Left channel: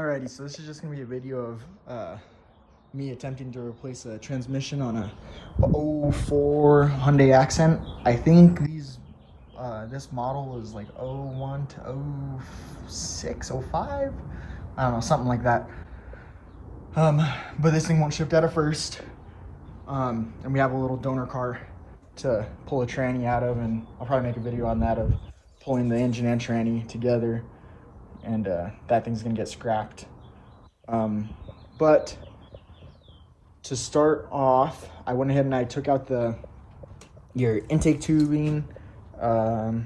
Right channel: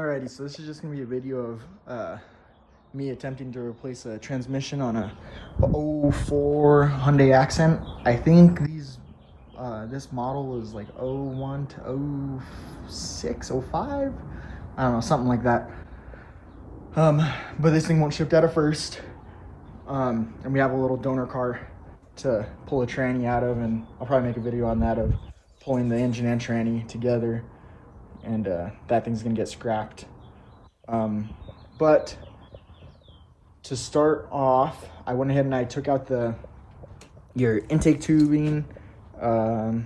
Alrighty, so this is just gonna be a video of me attempting to replace a transmission on a 04 Hyundai Accent. I think this model is like 01 to 06, 05. I don't know, something like that. But this thing won't shift out of first. And we have a little donor car to pull a tranny out of, and I'll probably make a video on that of pulling the engine and tranny together. And that thing's gonna get scrapped. But to start off, I went ahead and I took out your intake tubing, the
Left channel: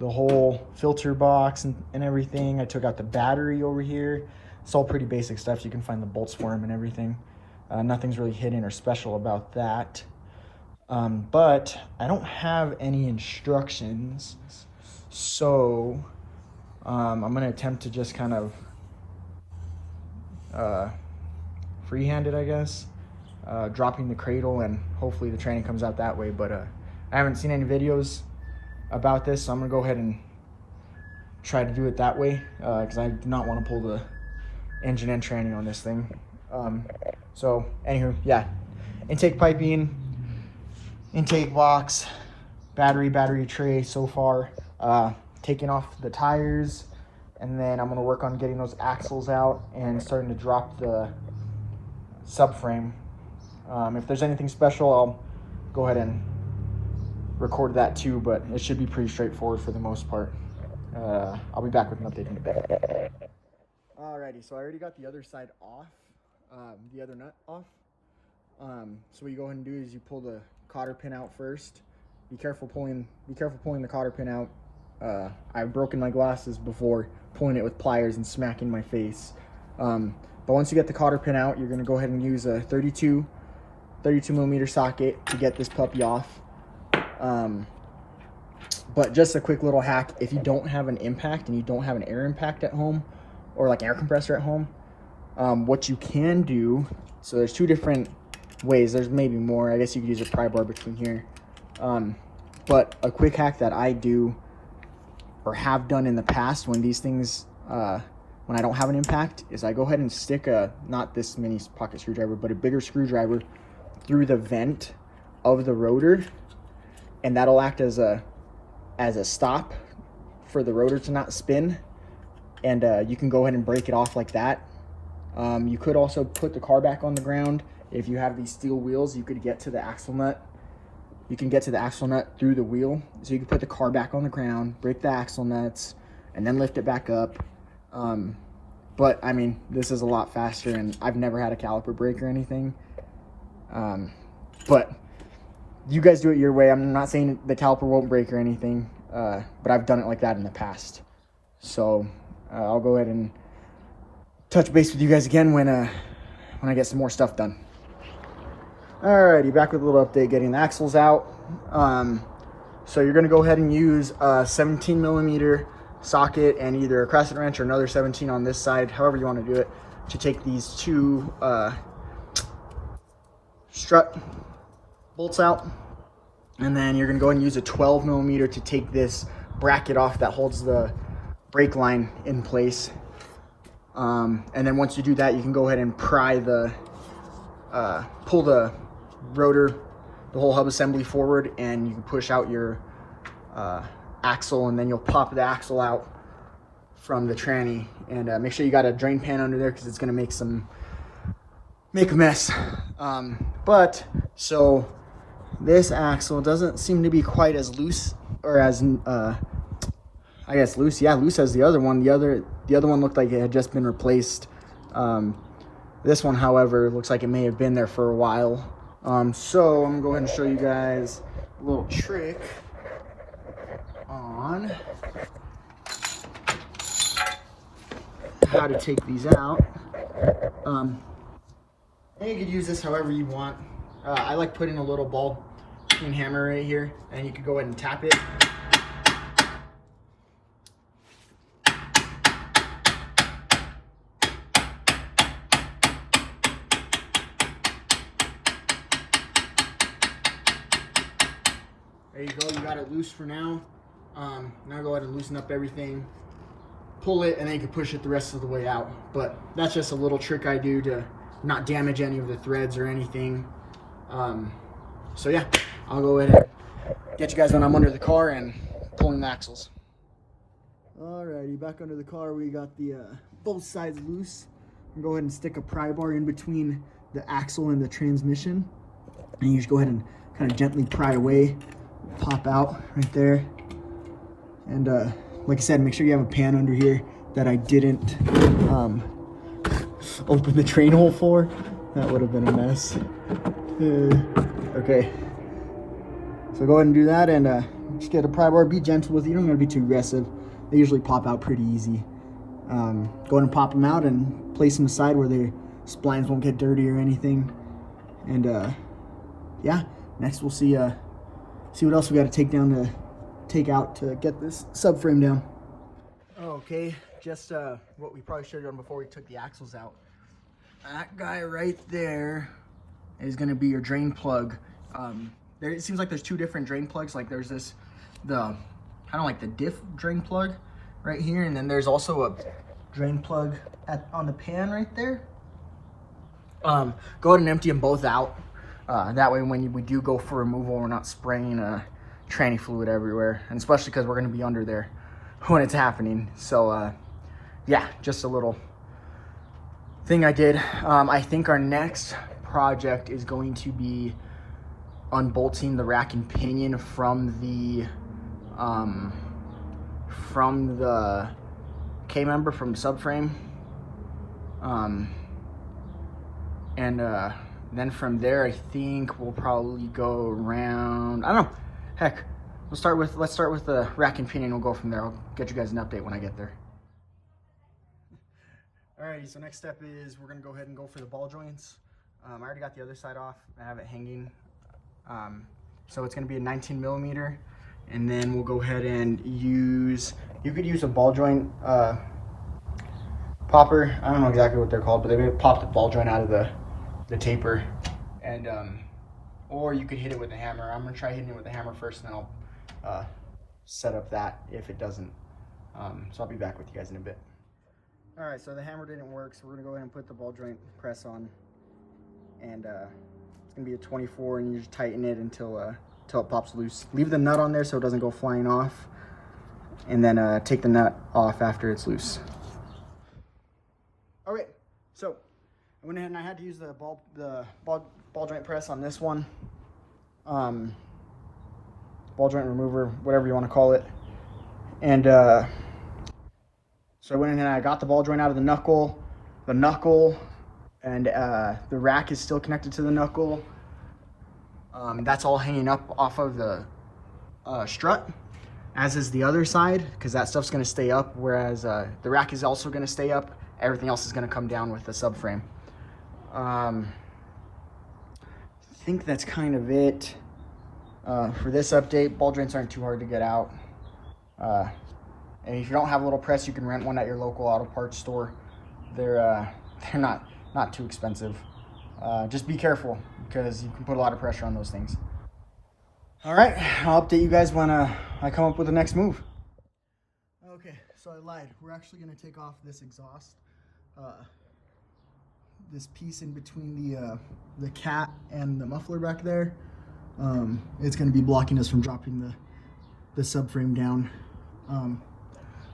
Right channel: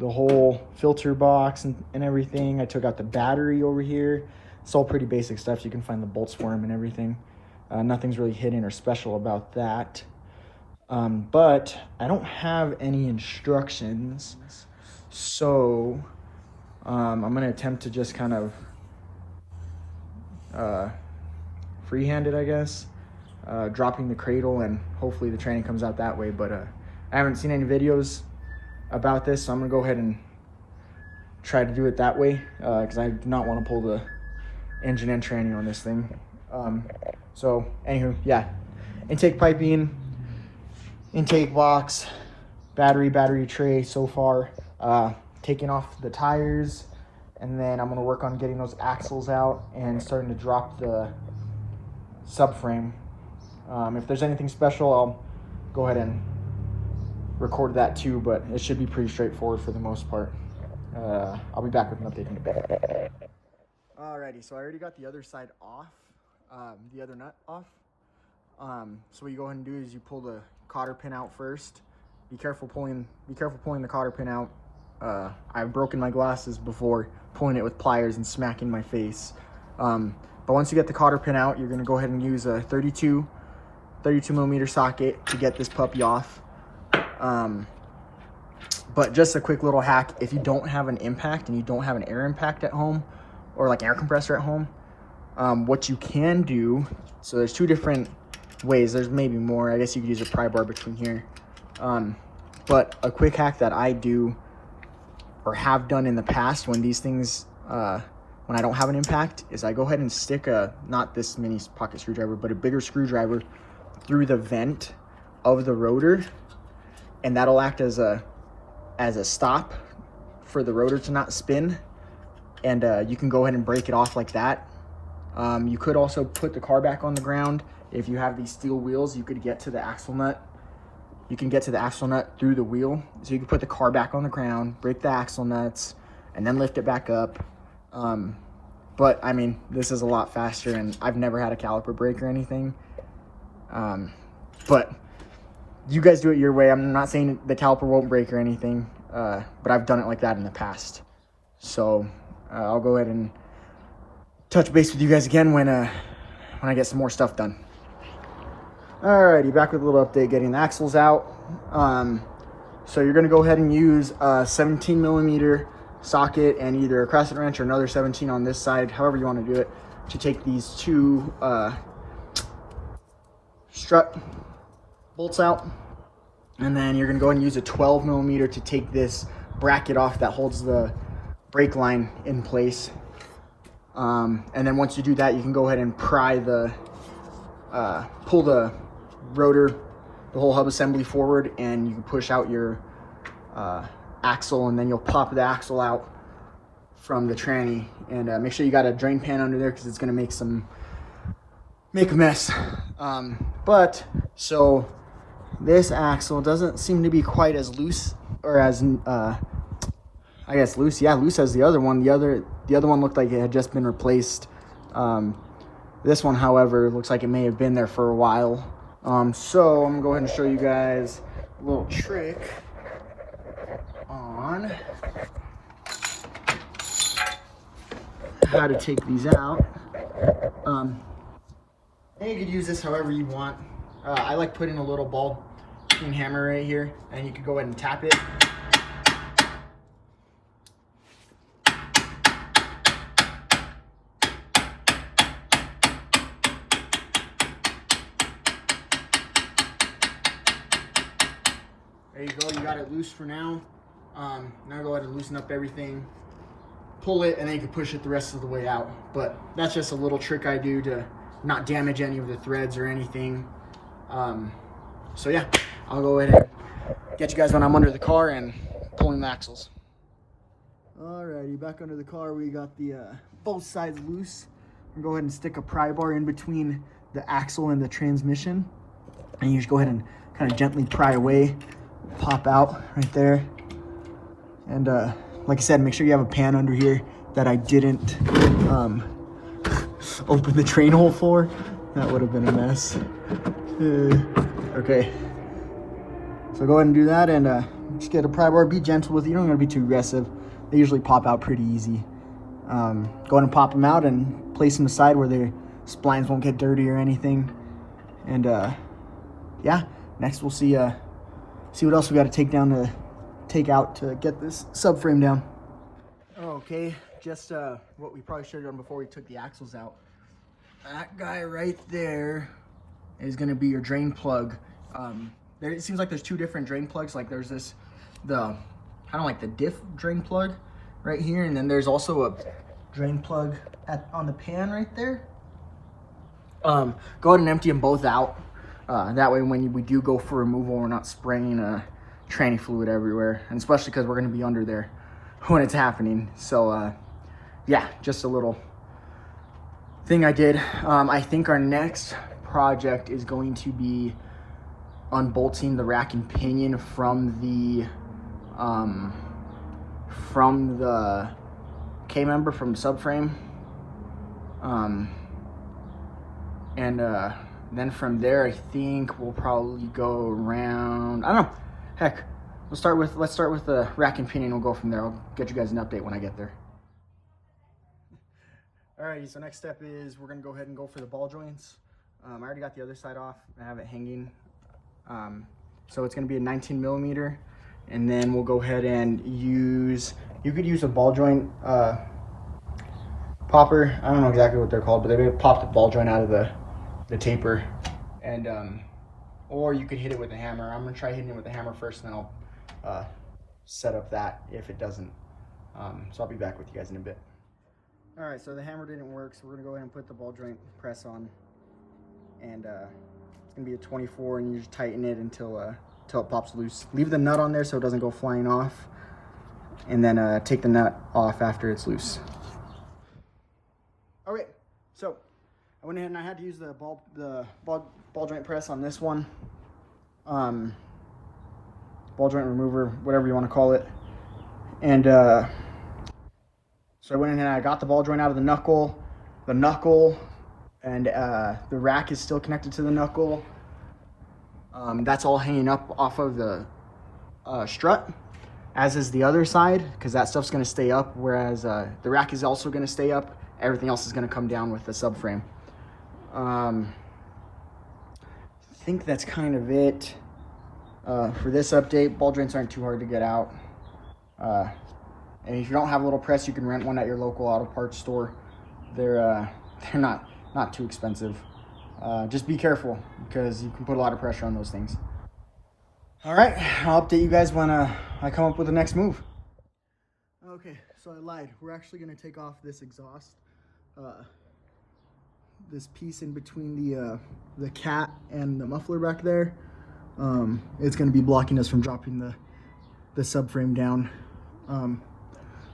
whole filter box and everything. I took out the battery over here. It's all pretty basic stuff. You can find the bolts for them and everything. Nothing's really hidden or special about that. But I don't have any instructions, so I'm gonna attempt to just kind of freehand it, I guess, dropping the cradle, and hopefully the tranny comes out that way. But I haven't seen any videos about this, so I'm gonna go ahead and try to do it that way, because I do not want to pull the engine and tranny on this thing. So anywho, yeah, intake piping, intake box, battery tray so far, taking off the tires, and then I'm gonna work on getting those axles out and starting to drop the subframe. If there's anything special, I'll go ahead and record that too, but it should be pretty straightforward for the most part. I'll be back with an update in a bit. Alrighty, so I already got the other side off, the other nut off. So what you go ahead and do is you pull the cotter pin out first. Be careful pulling the cotter pin out. I've broken my glasses before pulling it with pliers and smacking my face. But once you get the cotter pin out, you're gonna go ahead and use a 32 millimeter socket to get this puppy off. But just a quick little hack: if you don't have an impact and you don't have an air impact at home, or like air compressor at home, what you can do, so there's two different ways. There's maybe more. I guess you could use a pry bar between here. But a quick hack that I do or have done in the past when these things, when I don't have an impact, is I go ahead and stick not this mini pocket screwdriver, but a bigger screwdriver through the vent of the rotor, and that'll act as a stop for the rotor to not spin. And you can go ahead and break it off like that. You could also put the car back on the ground. If you have these steel wheels, you could get to the axle nut. You can get to the axle nut through the wheel. So you can put the car back on the ground, break the axle nuts, and then lift it back up. But I mean, this is a lot faster, and I've never had a caliper break or anything. But you guys do it your way. I'm not saying the caliper won't break or anything, but I've done it like that in the past. So I'll go ahead and touch base with you guys again when I get some more stuff done. Alrighty, back with a little update getting the axles out. So you're gonna go ahead and use a 17 millimeter socket and either a crescent wrench or another 17 on this side, however you want to do it, to take these two strut bolts out. And then you're gonna go ahead and use a 12 millimeter to take this bracket off that holds the brake line in place. And then once you do that, you can go ahead and pry pull the rotor, the whole hub assembly forward, and you can push out your axle, and then you'll pop the axle out from the tranny. And make sure you got a drain pan under there, because it's gonna make a mess. But so this axle doesn't seem to be quite as loose, or as I guess loose. Yeah, loose as the other one. The other one looked like it had just been replaced. This one, however, looks like it may have been there for a while. So I'm gonna go ahead and show you guys a little trick on how to take these out. And you could use this however you want. I like putting a little ball peen hammer right here, and you could go ahead and tap it. There you go, you got it loose for now. Now go ahead and loosen up everything. pull it, and then you can push it the rest of the way out. But that's just a little trick I do to not damage any of the threads or anything. So yeah, I'll go ahead and get you guys when I'm under the car and pulling the axles. Alrighty, back under the car, we got the both sides loose. I'm gonna go ahead and stick a pry bar in between the axle and the transmission, and you just go ahead and kind of gently pry away, pop out right there. And like I said, make sure you have a pan under here that I didn't open the drain hole for. That would have been a mess. Okay, so go ahead and do that, and just get a pry bar. Be gentle with it. You don't want to be too aggressive. They usually pop out pretty easy. Go ahead and pop them out and place them aside where their splines won't get dirty or anything. And yeah, next we'll see what else we got to take out to get this subframe down. Okay, just what we probably should have done before we took the axles out. That guy right there is going to be your drain plug. It seems like there's two different drain plugs. Like there's this, kind of like the diff drain plug right here, and then there's also a drain plug on the pan right there. Go ahead and empty them both out. That way when we do go for removal, we're not spraying tranny fluid everywhere, and especially because we're going to be under there when it's happening. So yeah, just a little thing I did. I think our next project is going to be unbolting the rack and pinion from the K-member from Subframe, and then from there I think we'll probably go around, I don't know, heck, let's start with the rack and pinion. We'll go from there. I'll get you guys an update when I get there. Alrighty, so next step is we're gonna go ahead and go for the ball joints. I already got the other side off. I have it hanging. So it's gonna be a 19 millimeter, and then we'll go ahead and you could use a ball joint popper. I don't know exactly what they're called, but they pop the ball joint out of the taper, and or you could hit it with a hammer. I'm gonna try hitting it with a hammer first, and then I'll set up that if it doesn't. So I'll be back with you guys in a bit. All right, so the hammer didn't work, so we're gonna go ahead and put the ball joint press on, and it's gonna be a 24, and you just tighten it until it pops loose. Leave the nut on there so it doesn't go flying off, and then take the nut off after it's loose. All right, so I went ahead and I had to use the ball joint press on this one, ball joint remover, whatever you want to call it, and so I went in and I got the ball joint out of the knuckle, and the rack is still connected to the knuckle. That's all hanging up off of the strut, as is the other side, because that stuff's going to stay up, whereas the rack is also going to stay up. Everything else is going to come down with the subframe. I think that's kind of it for this update. Ball joints aren't too hard to get out. And if you don't have a little press, you can rent one at your local auto parts store. They're not too expensive. Just be careful, because you can put a lot of pressure on those things. All right, I'll update you guys when I come up with the next move. Okay, so I lied. We're actually going to take off this exhaust, this piece in between the cat and the muffler back there. It's going to be blocking us from dropping the subframe down.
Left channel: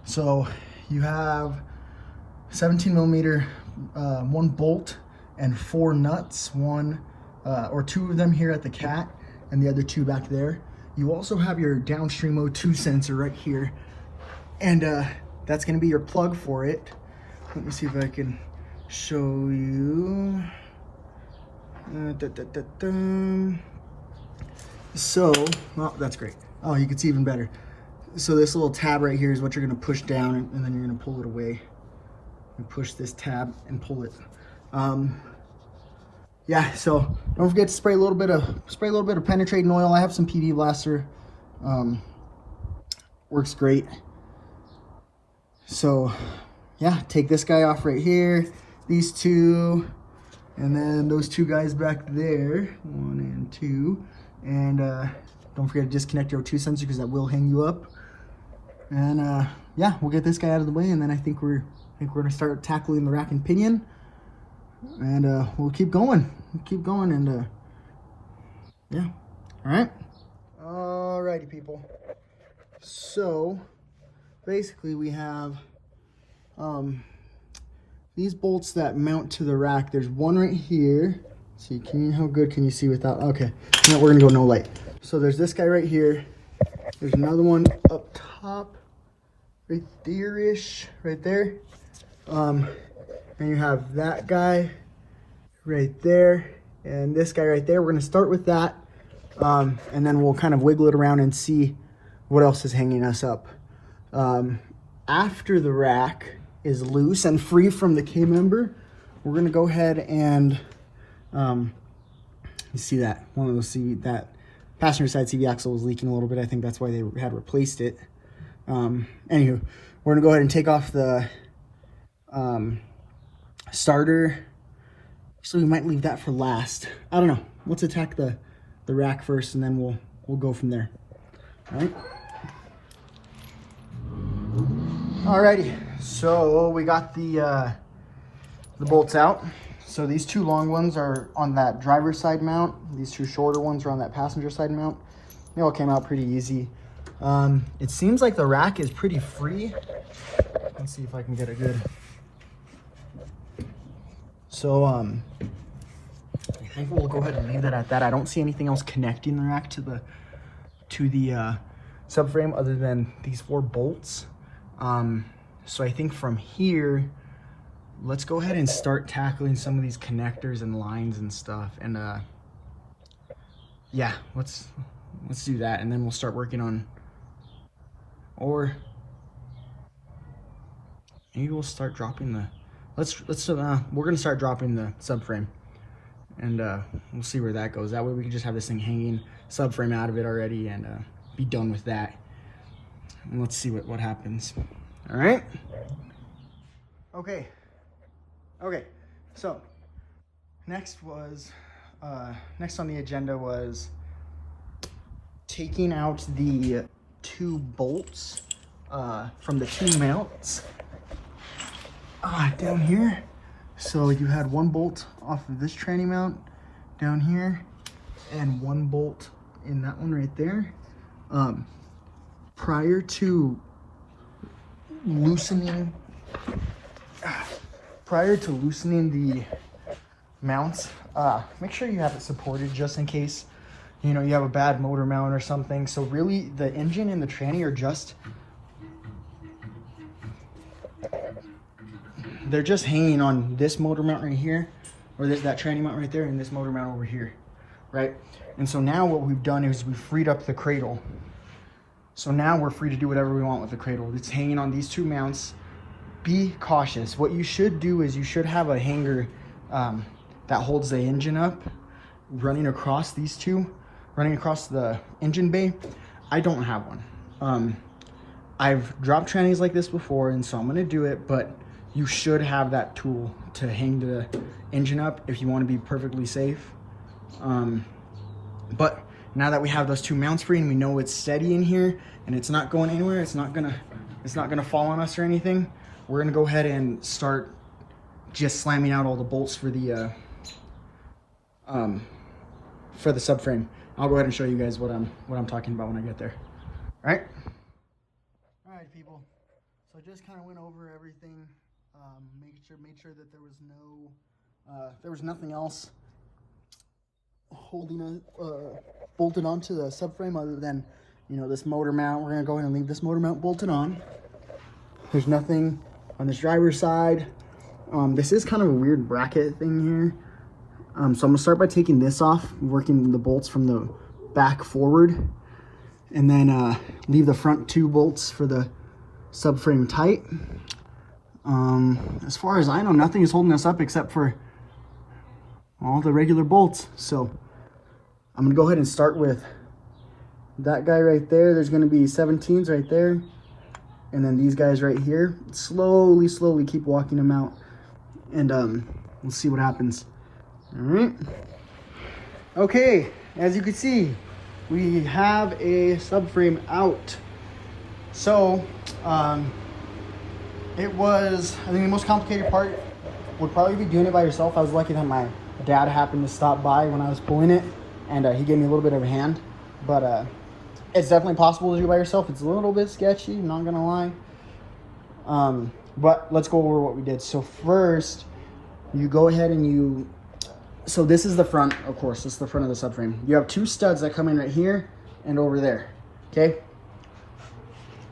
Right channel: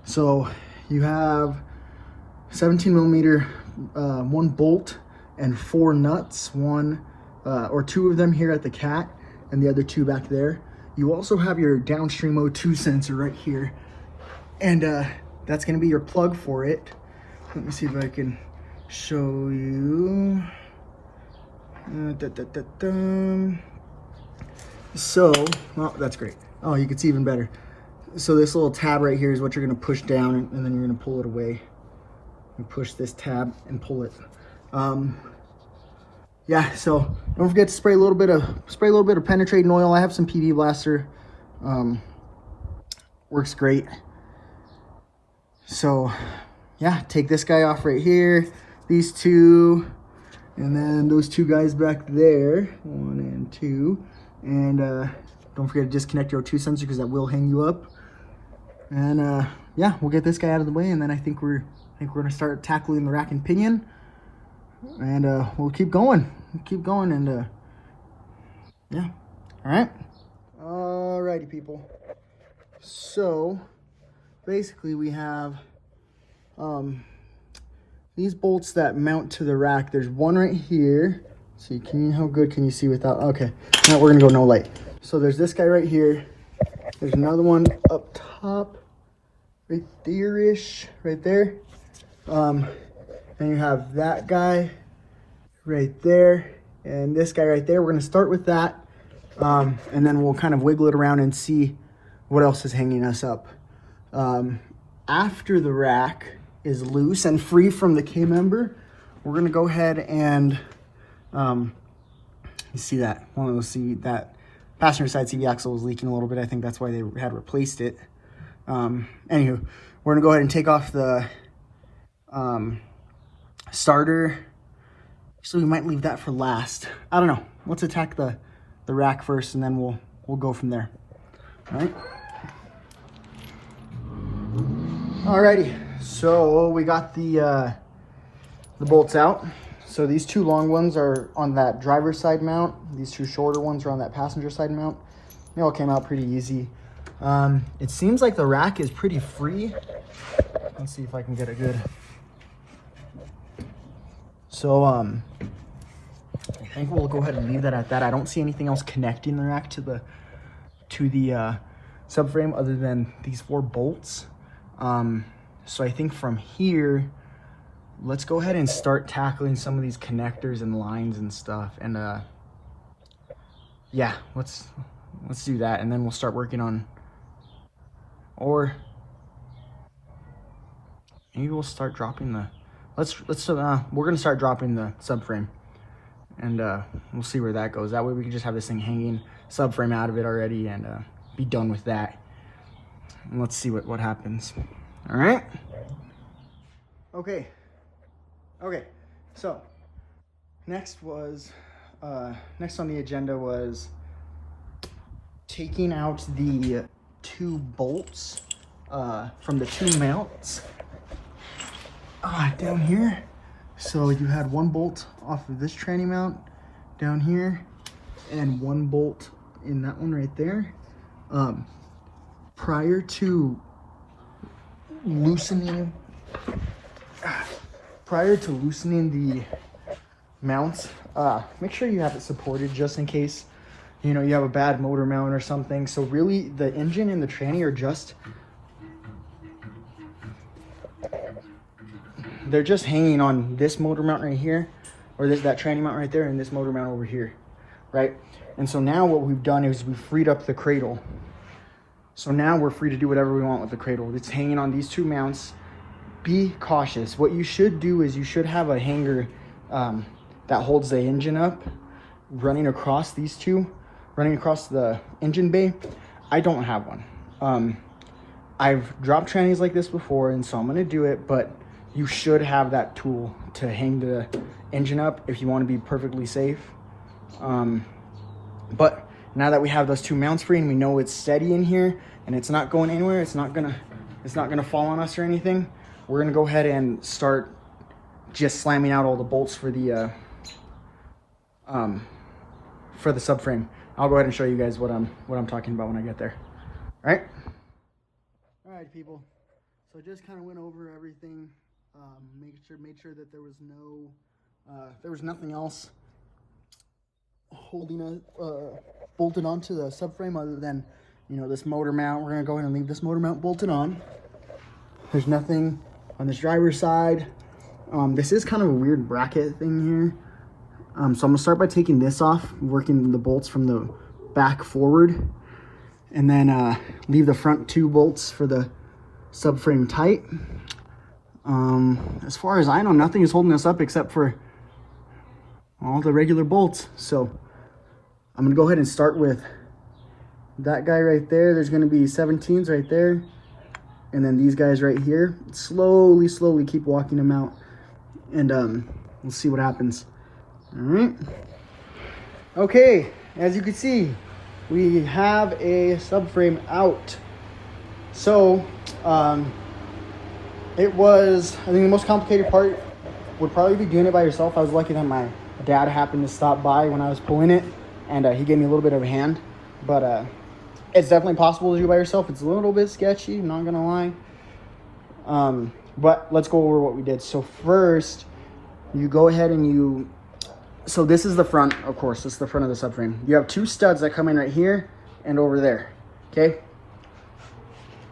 So you have 17 millimeter, one bolt and 4 nuts, one or 2 of them here at the cat and the other 2 back there. You also have your Downstream O2 sensor right here, and that's going to be your plug for it. Let me see if I can show you. So, oh, that's great. Oh, you can see even better. So this little tab right here is what you're going to push down, and then you're going to pull it away. You push this tab and pull it. Yeah, so don't forget to spray a little bit of penetrating oil. I have some PD Blaster. Works great. So yeah, take this guy off right here, these 2, and then those 2 guys back there, 1 and 2, and don't forget to disconnect your O2 sensor, because that will hang you up. And yeah, we'll get this guy out of the way, and then I think we're gonna start tackling the rack and pinion, and we'll keep going. And yeah. All right. Alrighty, people. So basically, we have these bolts that mount to the rack. There's one right here. See, how good can you see without? Okay, now we're gonna go no light. So there's this guy right here. There's another one up top, right there-ish, right there. Then you have that guy right there, and this guy right there. We're gonna start with that, and then we'll kind of wiggle it around and see what else is hanging us up. After the rack is loose and free from the K-member, we're gonna go ahead and see that. Well, see that passenger side CV axle was leaking a little bit. I think that's why they had replaced it. Anywho, we're gonna go ahead and take off the starter. So we might leave that for last. I don't know. Let's attack the rack first, and then we'll go from there. All right. Alrighty. So we got the bolts out. So these two long ones are on that driver's side mount. These two shorter ones are on that passenger side mount. They all came out pretty easy. It seems like the rack is pretty free. Let's see if I can get it good. So I think we'll go ahead and leave that at that. I don't see anything else connecting the rack to the subframe other than these 4 bolts. So I think from here, let's go ahead and start tackling some of these connectors and lines and stuff. And yeah, let's do that, and then we'll start working on, or maybe we'll start dropping the, we're gonna start dropping the subframe, and we'll see where that goes. That way we can just have this thing hanging, subframe out of it already, and be done with that. And let's see what happens. All right. Okay, so next on the agenda was taking out the 2 bolts from the 2 mounts down here. So you had 1 bolt off of this tranny mount down here, and 1 bolt in that one right there. Prior to loosening the mounts, make sure you have it supported just in case, you know, you have a bad motor mount or something. So really the engine and the tranny are they're just hanging on this motor mount right here, or that tranny mount right there, and this motor mount over here, right? And so now what we've done is we've freed up the cradle. So now we're free to do whatever we want with the cradle. It's hanging on these 2 mounts. Be cautious. What you should do is you should have a hanger that holds the engine up, running across these 2, running across the engine bay. I don't have one. I've dropped trannies like this before, and so I'm gonna do it, but you should have that tool to hang the engine up if you want to be perfectly safe. But now that we have those 2 mounts free and we know it's steady in here and it's not going anywhere, it's not gonna fall on us or anything, we're gonna go ahead and start just slamming out all the bolts for the subframe. I'll go ahead and show you guys what I'm talking about when I get there. All right, people. So just kind of went over everything. Made sure that there was nothing else holding bolted onto the subframe other than, you know, this motor mount. We're gonna go ahead and leave this motor mount bolted on. There's nothing on this driver's side. This is kind of a weird bracket thing here. So I'm gonna start by taking this off, working the bolts from the back forward, and then leave the front 2 bolts for the subframe tight. As far as I know, nothing is holding us up except for all the regular bolts. So I'm gonna go ahead and start with that guy right there. There's gonna be 17s right there, and then these guys right here. Slowly keep walking them out, and we'll see what happens. All right. Okay, as you can see, we have a subframe out. So, it was, I mean, the most complicated part would probably be doing it by yourself. I was lucky that my dad happened to stop by when I was pulling it, and he gave me a little bit of a hand. But it's definitely possible to do by yourself. It's a little bit sketchy, I'm not gonna lie. But let's go over what we did. So first, you go ahead and so this is the front, of course, this is the front of the subframe. You have two studs that come in right here and over there, okay?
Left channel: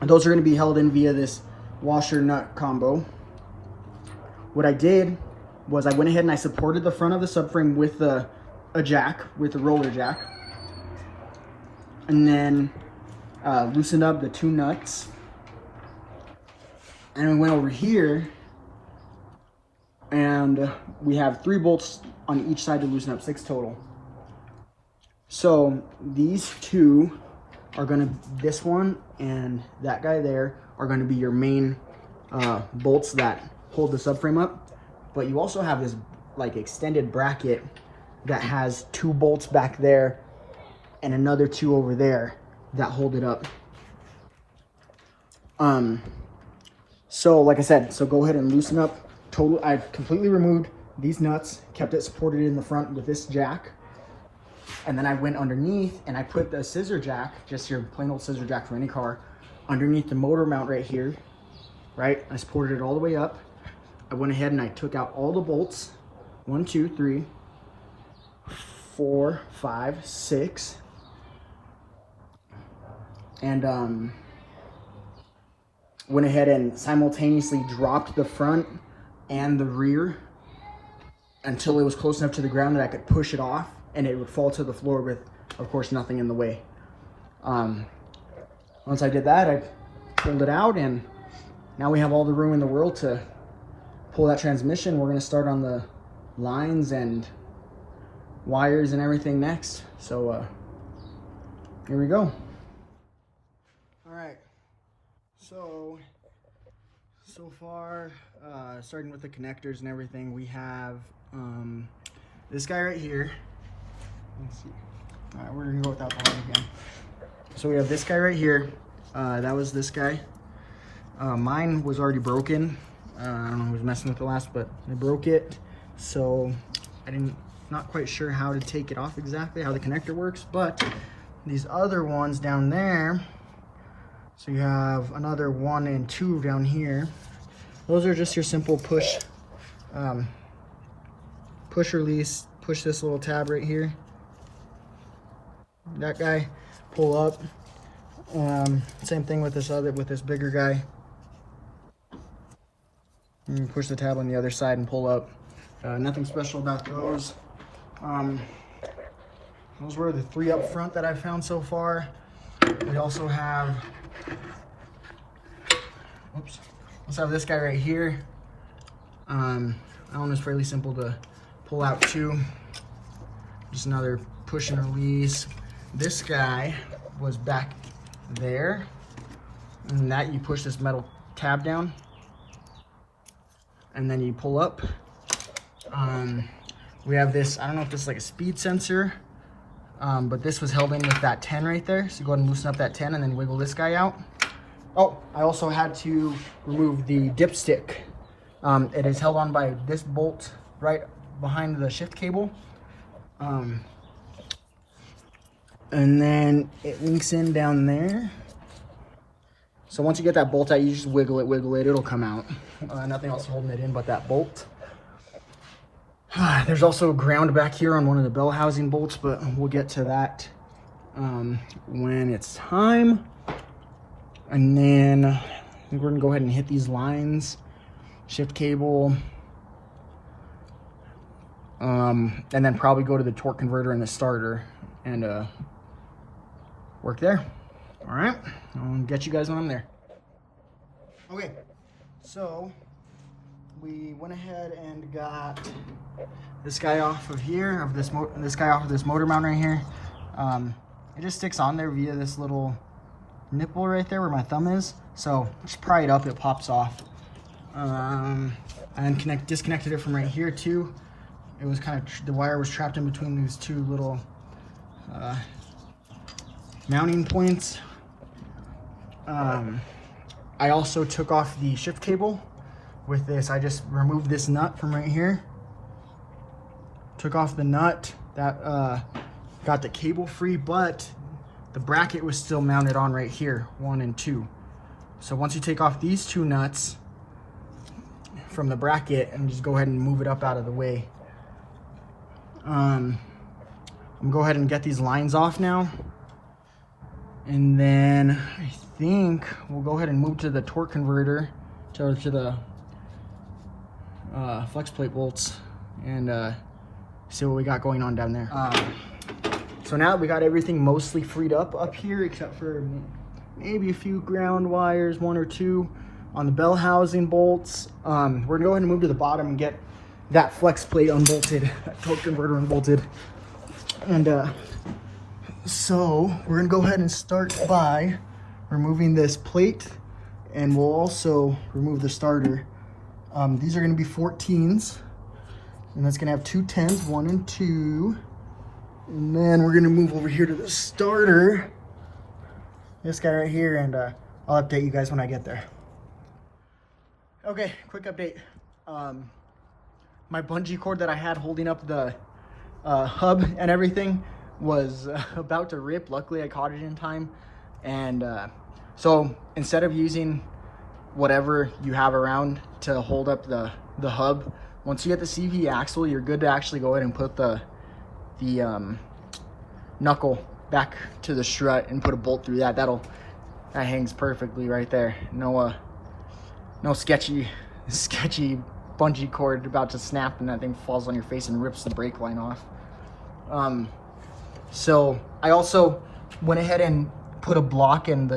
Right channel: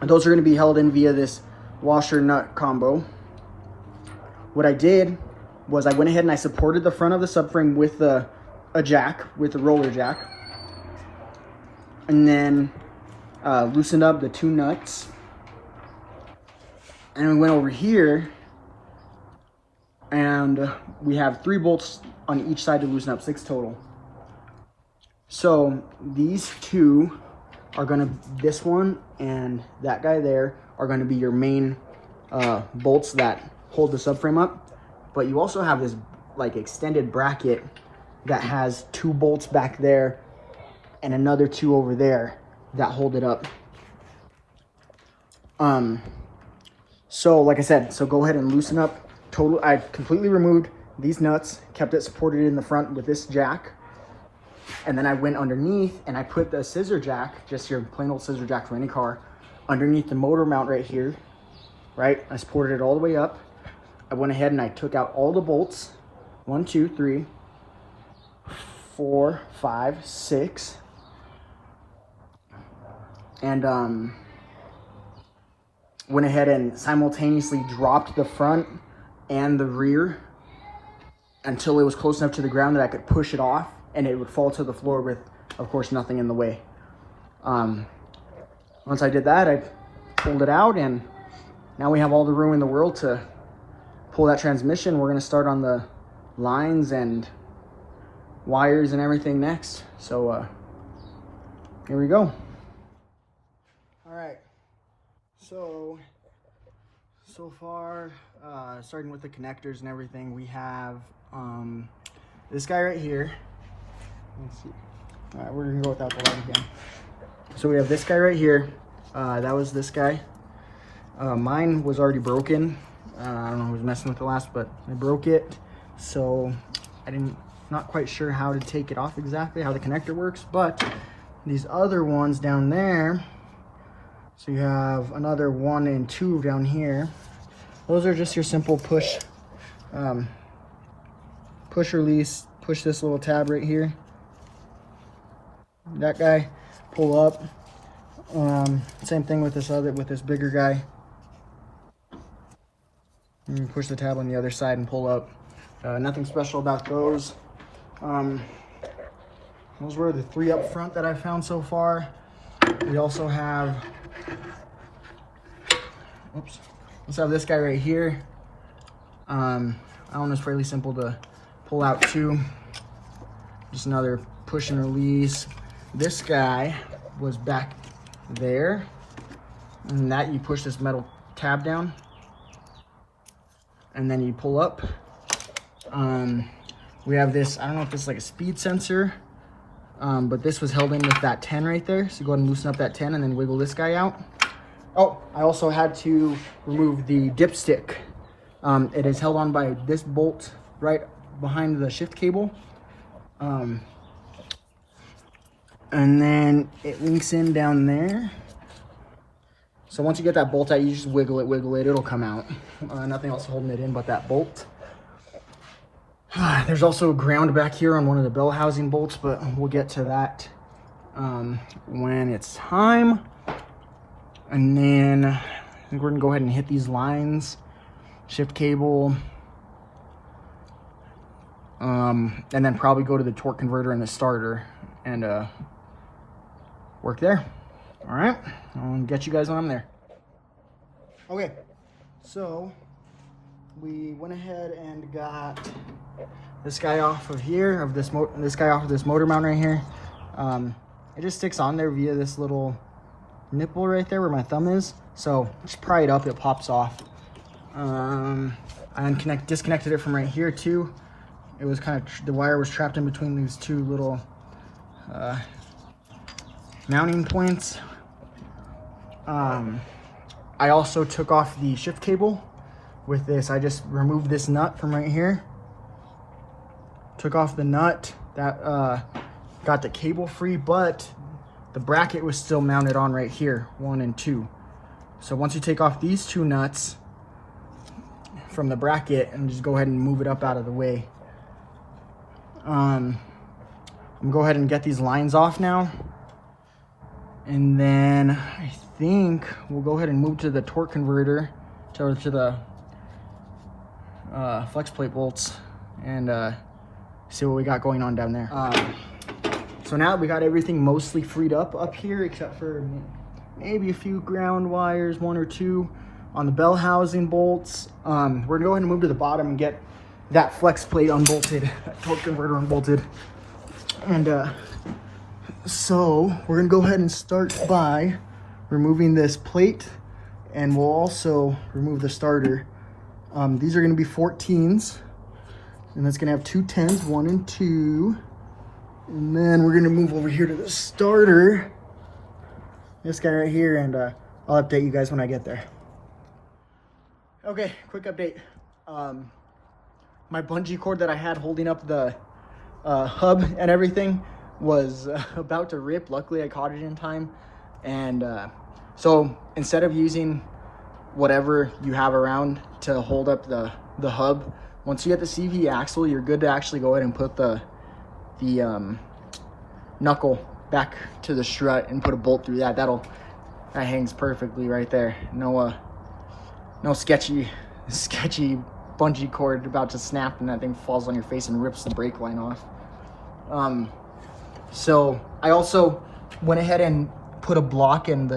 And those are gonna be held in via this washer nut combo. What I did was I went ahead and I supported the front of the subframe with a jack, with a roller jack. And then loosened up the two nuts. And we went over here and we have 3 bolts on each side to loosen up, 6 total. So these two are gonna, this one and that guy there are gonna be your main bolts that hold the subframe up. But you also have this like extended bracket that has 2 bolts back there and another 2 over there that hold it up. So like I said, so go ahead and loosen up. I completely removed these nuts, kept it supported in the front with this jack. And then I went underneath and I put the scissor jack, just your plain old scissor jack for any car, underneath the motor mount right here, right? I supported it all the way up. I went ahead and I took out all the bolts. 1, 2, 3, 4, 5, 6. And went ahead and simultaneously dropped the front and the rear until it was close enough to the ground that I could push it off and it would fall to the floor with, of course, nothing in the way. Once I did that, I pulled it out and now we have all the room in the world to pull that transmission. We're gonna start on the lines and wires and everything next. So here we go. All right, so far, starting with the connectors and everything, we have this guy right here. Let's see. All right, we're gonna go with that one again. So we have this guy right here. That was this guy. Mine was already broken. I don't know who was messing with it last, but I broke it. So not quite sure how to take it off exactly, how the connector works, but these other ones down there, so you have another 1 and 2 down here. Those are just your simple push release, push this little tab right here. That guy, pull up. Same thing with this bigger guy. And you push the tab on the other side and pull up. Nothing special about those. Those were the 3 up front that I found so far. We also have, this guy right here. That one is fairly simple to pull out too. Just another push and release. This guy was back there, and that you push this metal tab down, and then you pull up. We have this, I don't know if this is like a speed sensor, but this was held in with that 10 right there. So go ahead and loosen up that 10 and then wiggle this guy out. Oh, I also had to remove the dipstick. It is held on by this bolt right behind the shift cable. And then it links in down there. So once you get that bolt out, you just wiggle it, it'll come out. Nothing else holding it in but that bolt. There's also a ground back here on one of the bell housing bolts, but we'll get to that when it's time. And then I think we're gonna go ahead and hit these lines, shift cable, and then probably go to the torque converter and the starter and work there. All right, I'll get you guys when I'm there. Okay, so we went ahead and got this guy off of here, this guy off of this motor mount right here. It just sticks on there via this little nipple right there where my thumb is. So just pry it up, it pops off. I disconnected it from right here too. It was the wire was trapped in between these 2 little mounting points. I also took off the shift cable with this. I just removed this nut from right here. Took off the nut. That got the cable free, but the bracket was still mounted on right here, 1 and 2. So once you take off these 2 nuts from the bracket and just go ahead and move it up out of the way. I'm gonna go ahead and get these lines off now. And then I think we'll go ahead and move to the torque converter, to the flex plate bolts, and see what we got going on down there. So now we got everything mostly freed up here, except for maybe a few ground wires, 1 or 2 on the bell housing bolts. We're going to move to the bottom and get that flex plate unbolted, that torque converter unbolted. And so we're gonna go ahead and start by removing this plate, and we'll also remove the starter. These are gonna be 14s, and it's gonna have 2 10s, 1 and 2. And then we're gonna move over here to the starter, this guy right here, and I'll update you guys when I get there. Okay, quick update. My bungee cord that I had holding up the hub and everything was about to rip. Luckily I caught it in time, and so instead of using whatever you have around to hold up the hub, once you get the CV axle, you're good to actually go ahead and put the knuckle back to the strut and put a bolt through that. That hangs perfectly right there. No sketchy bungee cord about to snap and that thing falls on your face and rips the brake line off. So I also went ahead and put a block in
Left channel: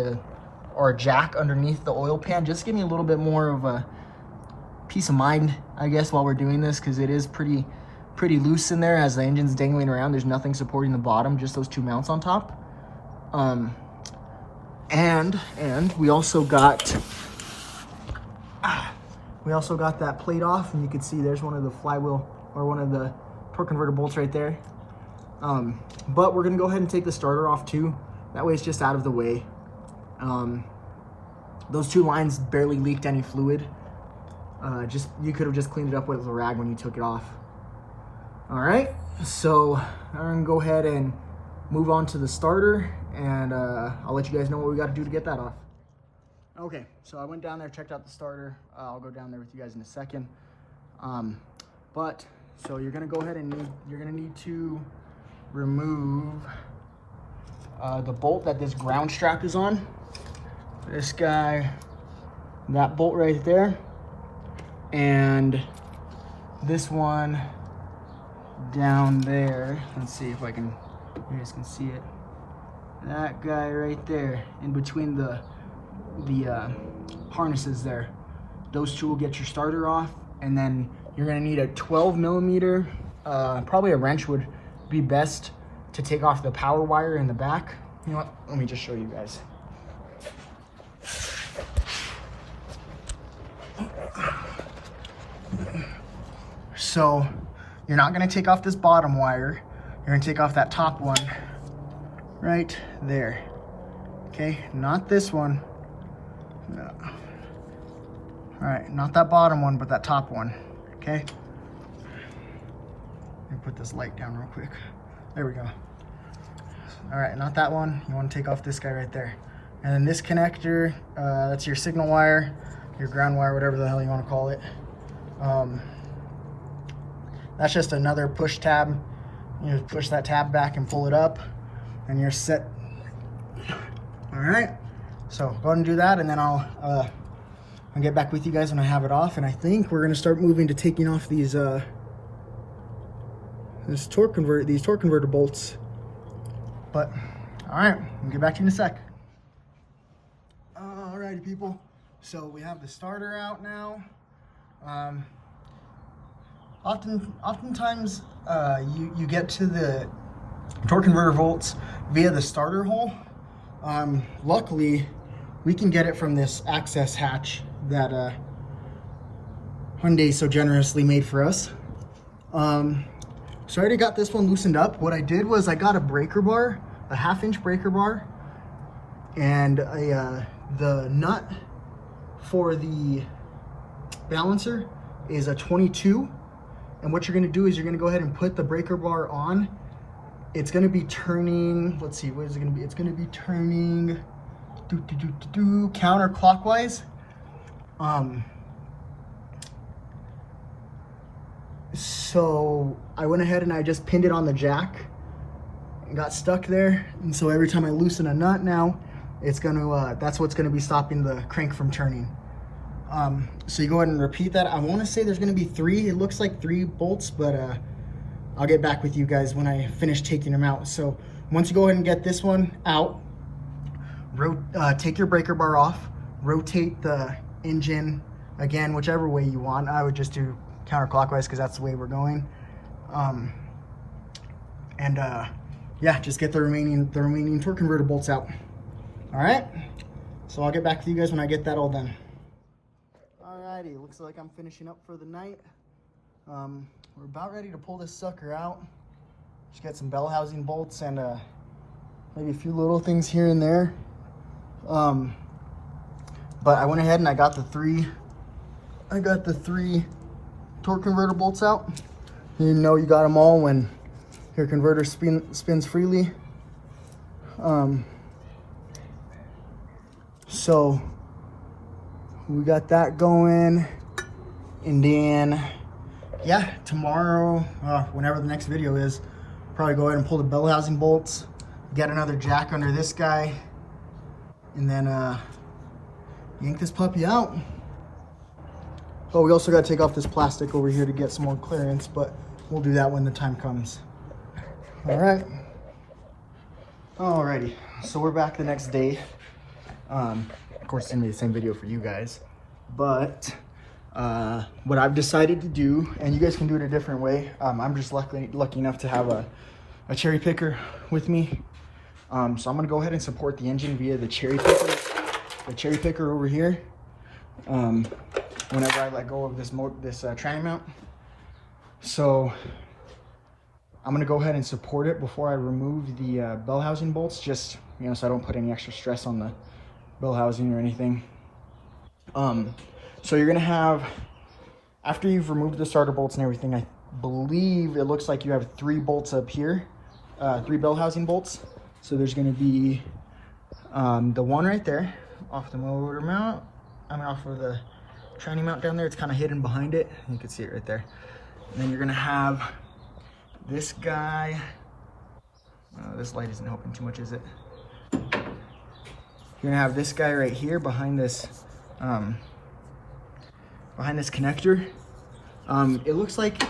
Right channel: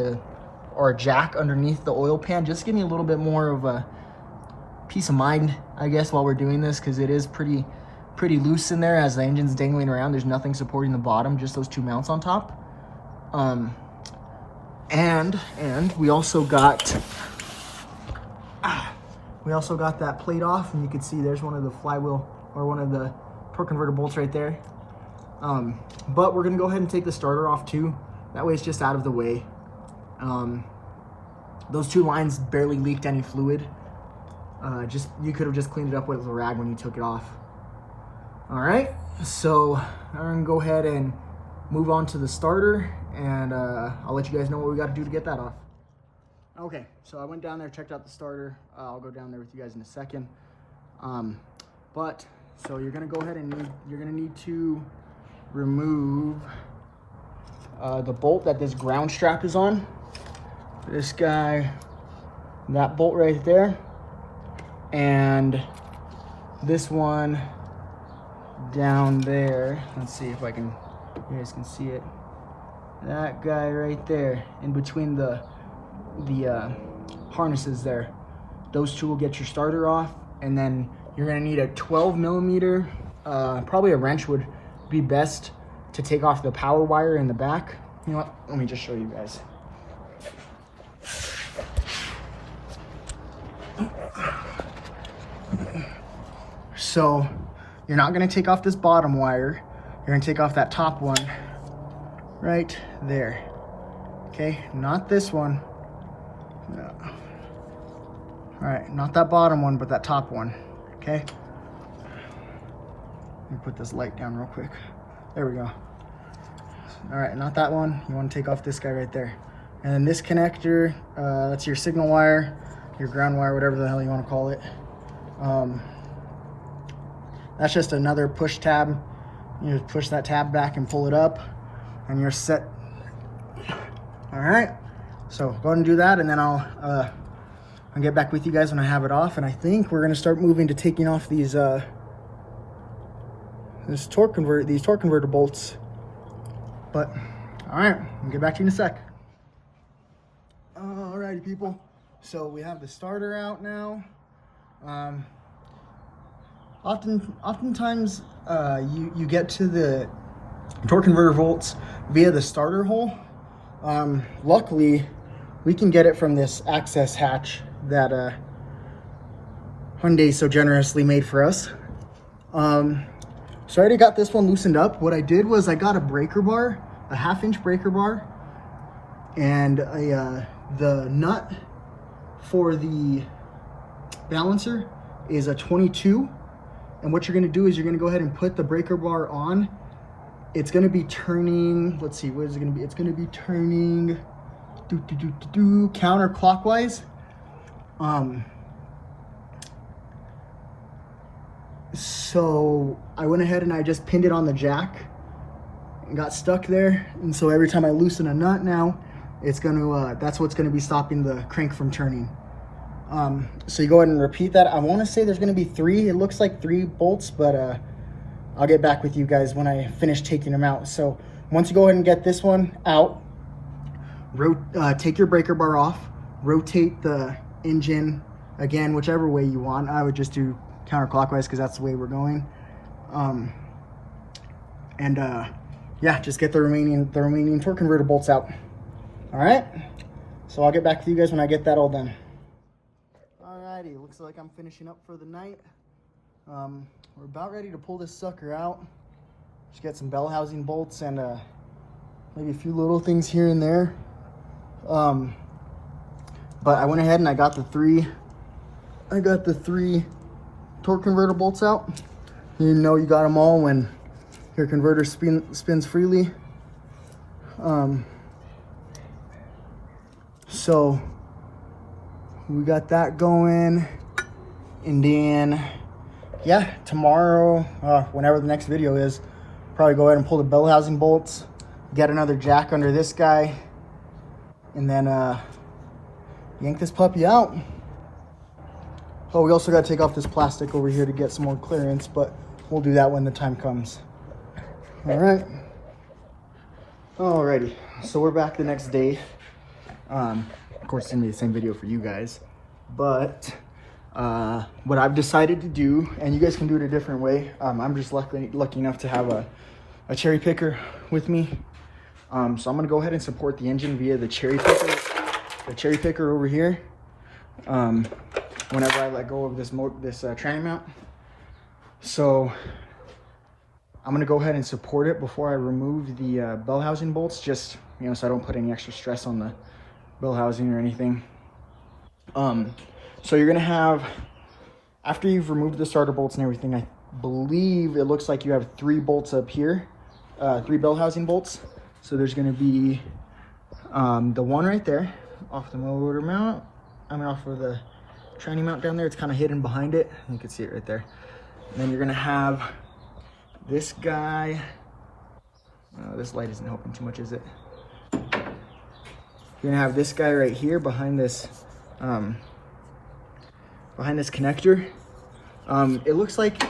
or a jack underneath the oil pan, just to give me a little bit more of a peace of mind, I guess, while we're doing this, because it is pretty loose in there as the engine's dangling around. There's nothing supporting the bottom, just those 2 mounts on top. And we also got that plate off, and you can see there's one of the flywheel, or one of the torque converter bolts right there. But we're gonna go ahead and take the starter off too. That way it's just out of the way. Those 2 lines barely leaked any fluid. You could have just cleaned it up with a rag when you took it off. All right, so I'm gonna go ahead and move on to the starter, and I'll let you guys know what we got to do to get that off. Okay, so I went down there, checked out the starter. I'll go down there with you guys in a second. So you're gonna go ahead and you're gonna need to remove the bolt that this ground strap is on. This guy, that bolt right there, and this one down there. Let's see if you guys can see it. That guy right there, in between the harnesses there. Those 2 will get your starter off, and then you're gonna need a 12 millimeter, probably a wrench would be best to take off the power wire in the back. You know what, let me just show you guys. So you're not gonna take off this bottom wire, you're gonna take off that top one right there. Okay, not this one. All right, not that bottom one, but that top one. Okay, let me put this light down real quick. There we go. All right, not that one. You want to take off this guy right there, and then this connector, that's your signal wire, your ground wire, whatever the hell you want to call it. That's just another push tab. You just push that tab back and pull it up, and you're set. All right, so go ahead and do that, and then I'll get back with you guys when I have it off. And I think we're gonna start moving to taking off these torque converter bolts. But all right, I'll get back to you in a sec. Alrighty, people. So we have the starter out now. Oftentimes you get to the torque converter bolts via the starter hole. Luckily, we can get it from this access hatch that Hyundai so generously made for us. So I already got this one loosened up. What I did was I got a breaker bar, a 1/2 inch breaker bar, and the nut for the balancer is a 22. And what you're gonna do is you're gonna go ahead and put the breaker bar on. It's gonna be turning, let's see, what is it gonna be? It's gonna be turning counterclockwise. So I went ahead and I just pinned it on the jack and got stuck there. And so every time I loosen a nut now, it's gonna, that's what's gonna be stopping the crank from turning. So you go ahead and repeat that. I wanna say there's gonna be 3, it looks like 3 bolts, but I'll get back with you guys when I finish taking them out. So once you go ahead and get this one out, take your breaker bar off, rotate the engine, again, whichever way you want. I would just do counterclockwise because that's the way we're going. Yeah, just get the remaining torque converter bolts out. All right, so I'll get back to you guys when I get that all done. Alrighty, looks like I'm finishing up for the night. We're about ready to pull this sucker out. Just get some bell housing bolts and maybe a few little things here and there. But I went ahead and I got the three torque converter bolts out. You know you got them all when your converter spins freely. So we got that going, and then yeah, tomorrow, whenever the next video is, probably go ahead and pull the bell housing bolts, get another jack under this guy, and then yank this puppy out. Oh, we also got to take off this plastic over here to get some more clearance, but we'll do that when the time comes. All right. Alrighty, so we're back the next day. Of course, sending the same video for you guys, but what I've decided to do, and you guys can do it a different way. I'm just lucky enough to have a cherry picker with me. So I'm gonna go ahead and support the engine via the cherry picker over here. Whenever I let go of this tranny mount. So I'm gonna go ahead and support it before I remove the bell housing bolts, just, you know, so I don't put any extra stress on the bell housing or anything. So you're gonna have, after you've removed the starter bolts and everything, I believe it looks like you have 3 bolts up here, 3 bell housing bolts. So there's gonna be the one right there off the motor mount and off of the tranny mount down there. It's kind of hidden behind it. You can see it right there. And then you're gonna have this guy. Oh, this light isn't helping too much, is it? You're gonna have this guy right here behind this connector. It looks like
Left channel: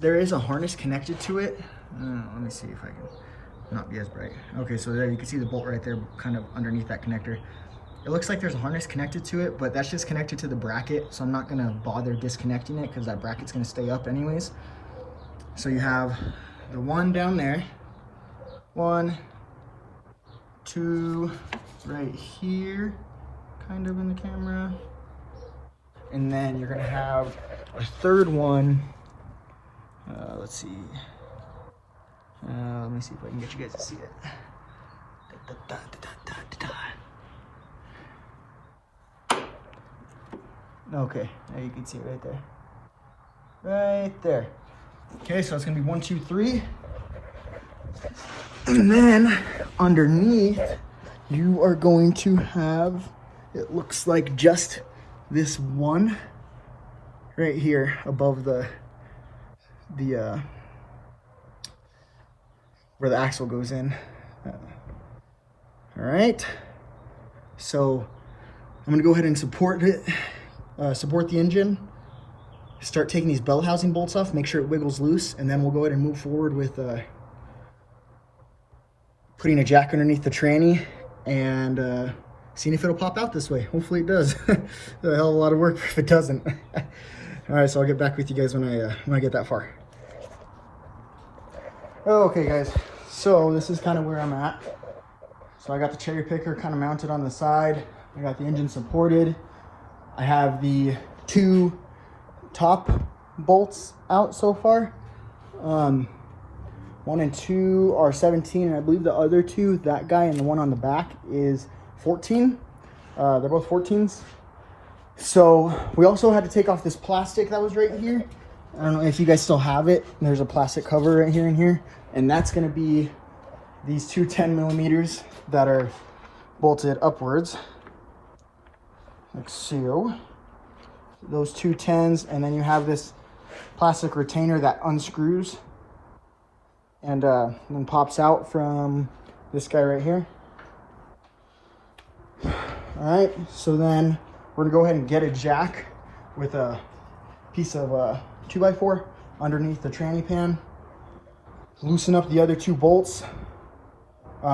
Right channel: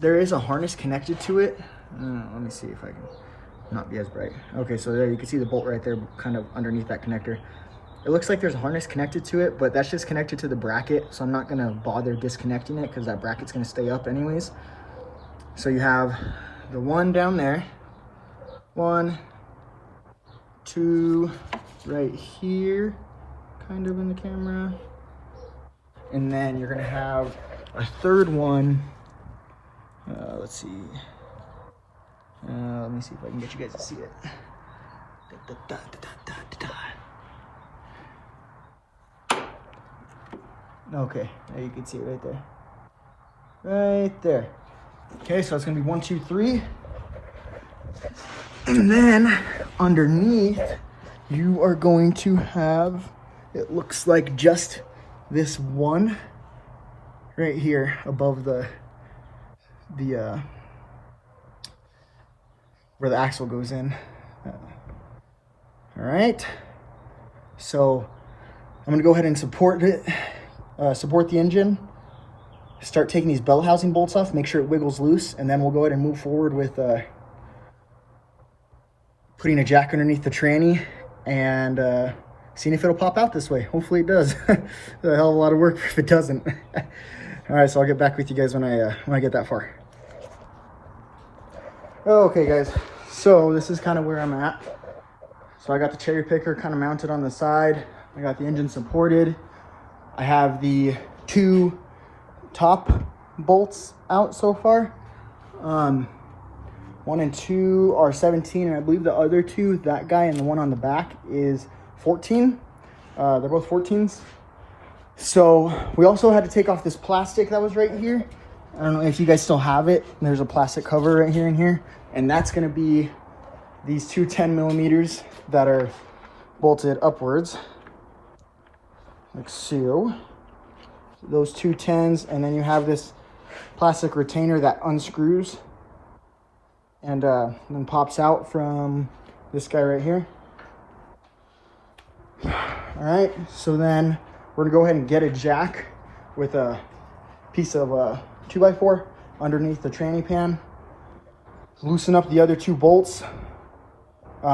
there is a harness connected to it. Let me see if I can not be as bright. Okay, so there you can see the bolt right there, kind of underneath that connector. It looks like there's a harness connected to it, but that's just connected to the bracket, so I'm not gonna bother disconnecting it because that bracket's gonna stay up anyways. So you have the one down there, 1, 2, right here, kind of in the camera. And then you're gonna have a third one. Let's see. Let me see if I can get you guys to see it. Okay, now you can see it right there. Right there. Okay, so it's gonna be 1, 2, 3. And then underneath, you are going to have, it looks like just this one right here above the where the axle goes in. All right, so I'm gonna go ahead and support it, support the engine, start taking these bell housing bolts off, make sure it wiggles loose, and then we'll go ahead and move forward with putting a jack underneath the tranny and seeing if it'll pop out this way. Hopefully it does. It's a hell of a lot of work if it doesn't. All right, so I'll get back with you guys when I get that far. Okay guys, so this is kind of where I'm at. So I got the cherry picker kind of mounted on the side. I got the engine supported. I have the 2 top bolts out so far. 1 and 2 are 17, and I believe the other 2, that guy and the one on the back, is 14. They're both 14s. So we also had to take off this plastic that was right here. I don't know if you guys still have it. There's a plastic cover right here and here. And that's gonna be these two 10mm that are bolted upwards. Like so. Those two 10s, and then you have this plastic retainer that unscrews and then pops out from this guy right here. All right, so then we're gonna go ahead and get a jack with a piece of 2x4 underneath the tranny pan. Loosen up the other two bolts.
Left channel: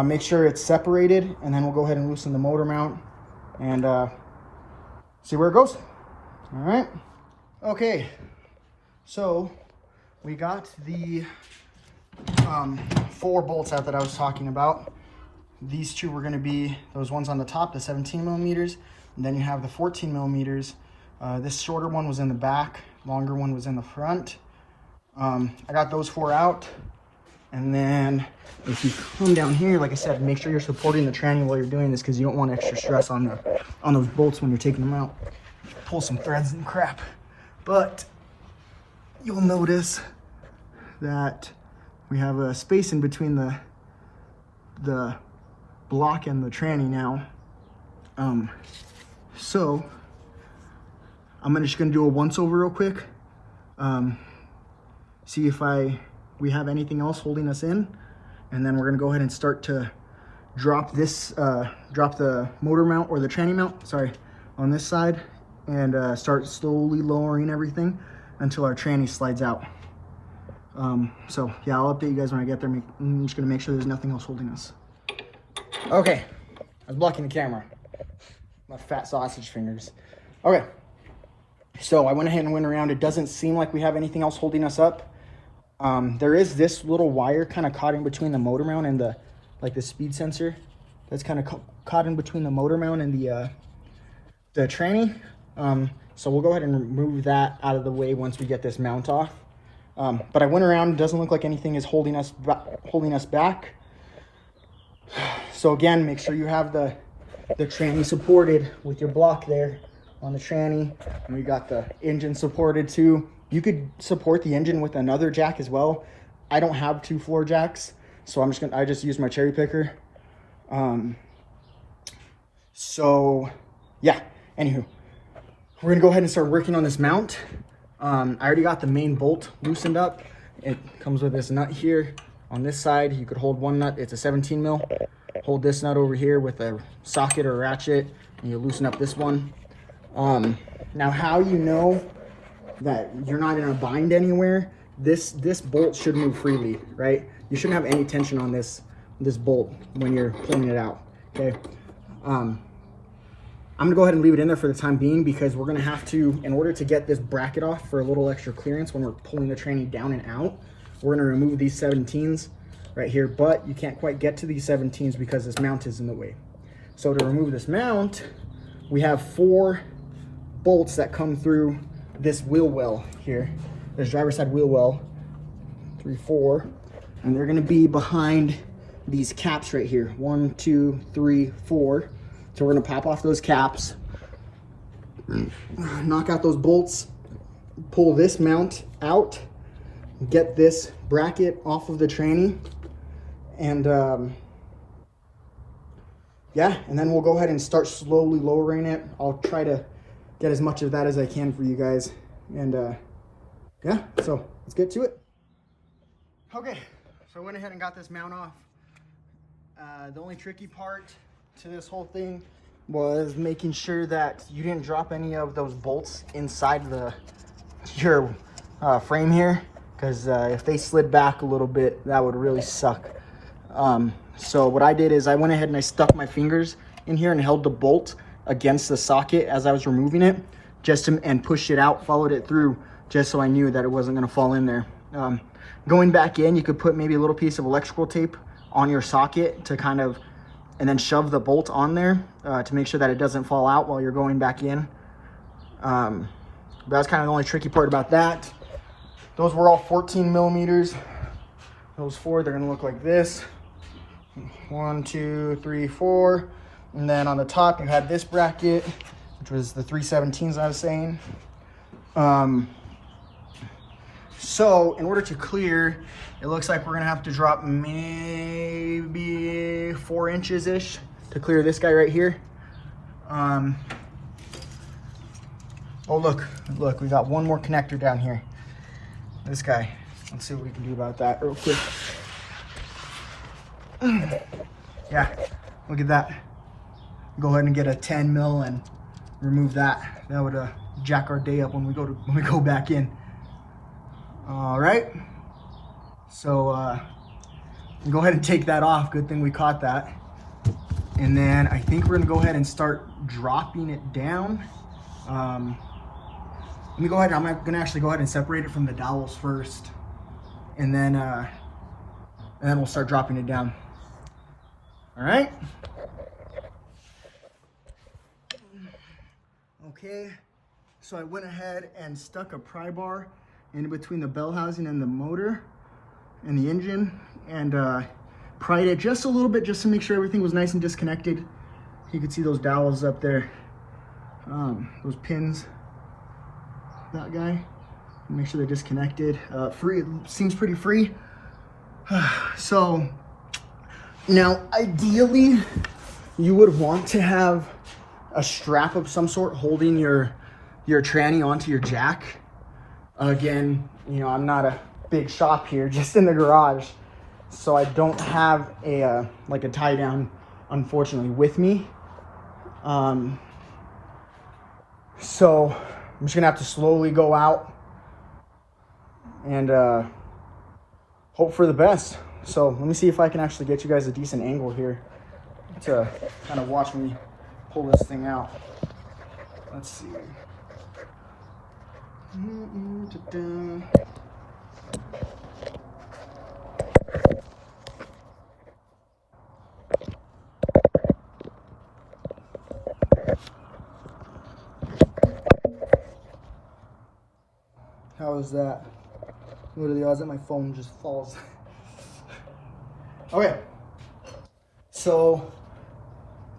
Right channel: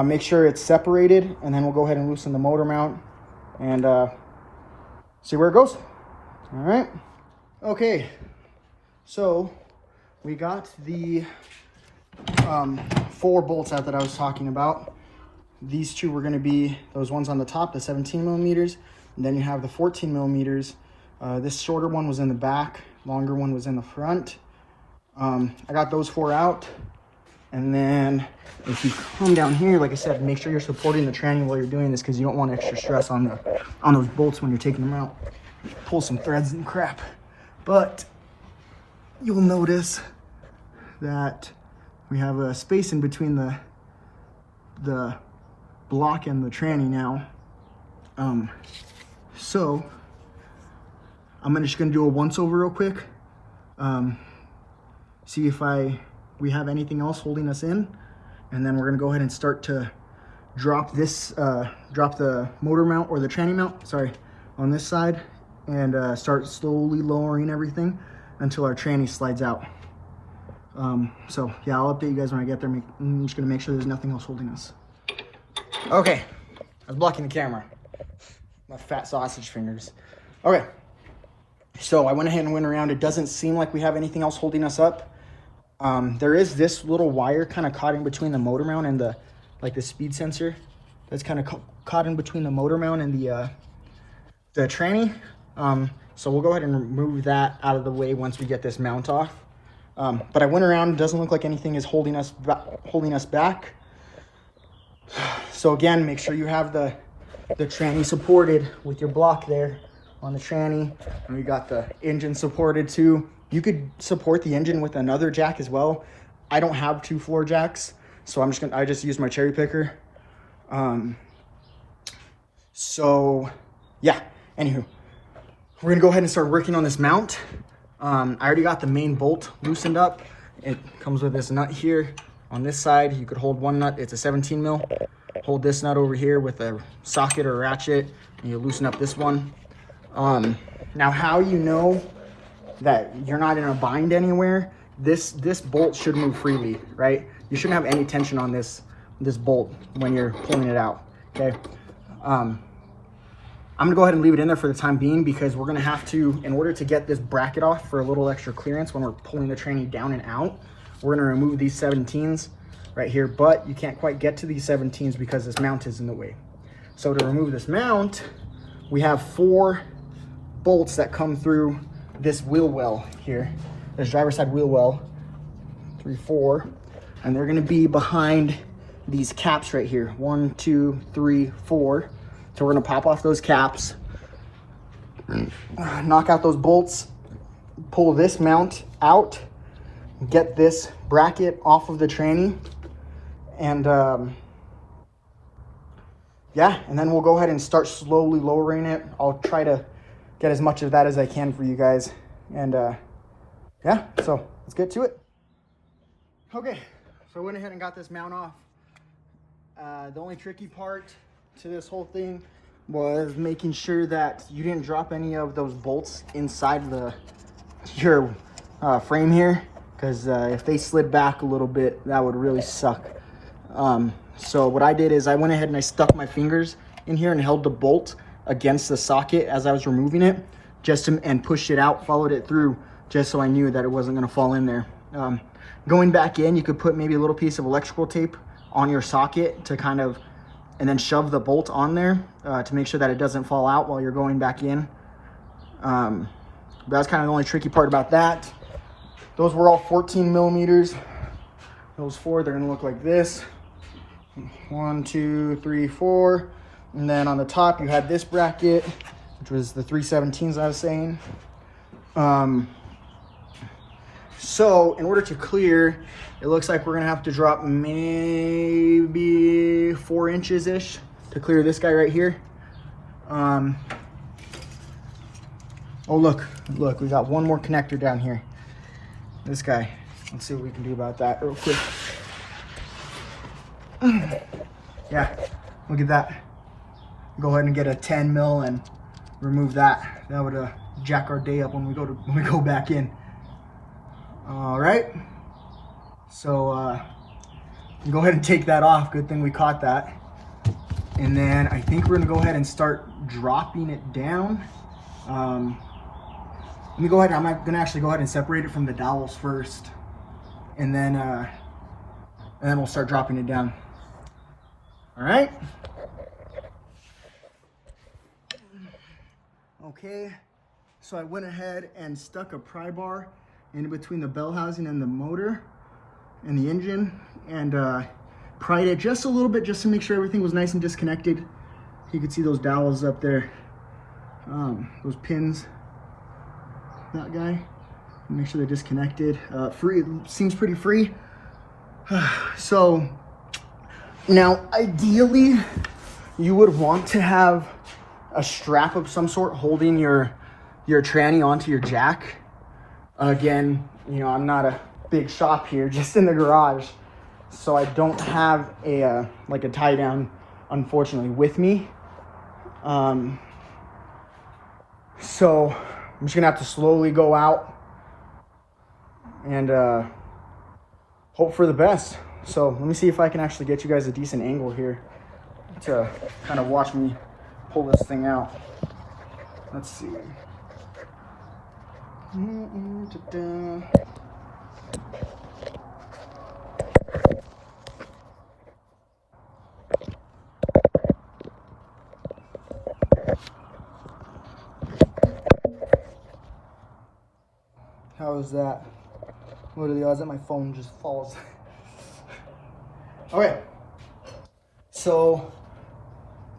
Make sure it's separated, and then we'll go ahead and loosen the motor mount and see where it goes. All right. Okay. So we got the 4 bolts out that I was talking about. These two were going to be those ones on the top, the 17mm, and then you have the 14mm. This shorter one was in the back, longer one was in the front. I got those 4 out, and then if you come down here, like I said, make sure you're supporting the tranny while you're doing this, because you don't want extra stress on those bolts when you're taking them out. Pull some threads and crap, but you'll notice that we have a space in between the block and the tranny now. So I'm just gonna do a once over real quick, see if we have anything else holding us in, and then we're gonna go ahead and start to drop the motor mount, or the tranny mount, sorry, on this side, and start slowly lowering everything until our tranny slides out. So yeah, I'll update you guys when I get there. I'm just gonna make sure there's nothing else holding us. Okay, I was blocking the camera. My fat sausage fingers. Okay, so I went ahead and went around. It doesn't seem like we have anything else holding us up. There is this little wire kind of caught in between the motor mount and the speed sensor. That's kind of caught in between the motor mount and the tranny. So we'll go ahead and remove that out of the way once we get this mount off. But I went around. It doesn't look like anything is holding us back. So again, make sure you have the tranny supported with your block there on the tranny. And we got the engine supported too. You could support the engine with another jack as well. I don't have 2 floor jacks, so I just use my cherry picker. So yeah, anywho, we're gonna go ahead and start working on this mount. I already got the main bolt loosened up. It comes with this nut here. On this side, you could hold one nut. It's a 17mm. Hold this nut over here with a socket or ratchet, and you loosen up this one. Now, how you know that you're not in a bind anywhere? This bolt should move freely, right? You shouldn't have any tension on this bolt when you're pulling it out. Okay. I'm gonna go ahead and leave it in there for the time being, because we're gonna have to, in order to get this bracket off for a little extra clearance when we're pulling the tranny down and out, we're gonna remove these 17s right here, but you can't quite get to these 17s because this mount is in the way. So to remove this mount, we have 4 bolts that come through this wheel well here. There's driver's side wheel well, 3, 4, and they're gonna be behind these caps right here. 1, 2, 3, 4. So we're gonna pop off those caps, knock out those bolts, pull this mount out, get this bracket off of the tranny, and yeah, and then we'll go ahead and start slowly lowering it. I'll try to get as much of that as I can for you guys, and yeah, so let's get to it. Okay, so I went ahead and got this mount off. The only tricky part to this whole thing was making sure that you didn't drop any of those bolts inside your frame here, because if they slid back a little bit, that would really suck. So what I did is I went ahead and I stuck my fingers in here and held the bolt against the socket as I was removing it, and pushed it out, followed it through, just so I knew that it wasn't going to fall in there. Going back in, you could put maybe a little piece of electrical tape on your socket to kind of, and then shove the bolt on there to make sure that it doesn't fall out while you're going back in. That's kind of the only tricky part about that. Those were all 14mm. Those 4, they're gonna look like this. 1, 2, 3, 4. And then on the top, you had this bracket. which was the 317s I was saying. So in order to clear, it looks like we're gonna have to drop maybe 4 inches-ish to clear this guy right here. Oh, look, we got one more connector down here. This guy, let's see what we can do about that real quick. Yeah, look at that. Go ahead and get a 10 mil and remove that. That would jack our day up when we go back in. All right, so go ahead and take that off. Good thing we caught that. And then I think we're gonna go ahead and start dropping it down. Let me go ahead, I'm gonna actually go ahead and separate it from the dowels first. And then we'll start dropping it down. All right. Okay, so I went ahead and stuck a pry bar in between the bell housing and the motor and the engine, and pried it just a little bit just to make sure everything was nice and disconnected. You can see those dowels up there, those pins, that guy. Make sure they're disconnected. Free, it seems pretty free. So now ideally you would want to have a strap of some sort holding your tranny onto your jack. Again, you know, I'm not a big shop here, just in the garage, so I don't have a like a tie down, unfortunately, with me. So I'm just gonna have to slowly go out and hope for the best. So let me see if I can actually get you guys a decent angle here to kind of watch me pull this thing out. Let's see. How is that? What are the odds that my phone just falls? All right. So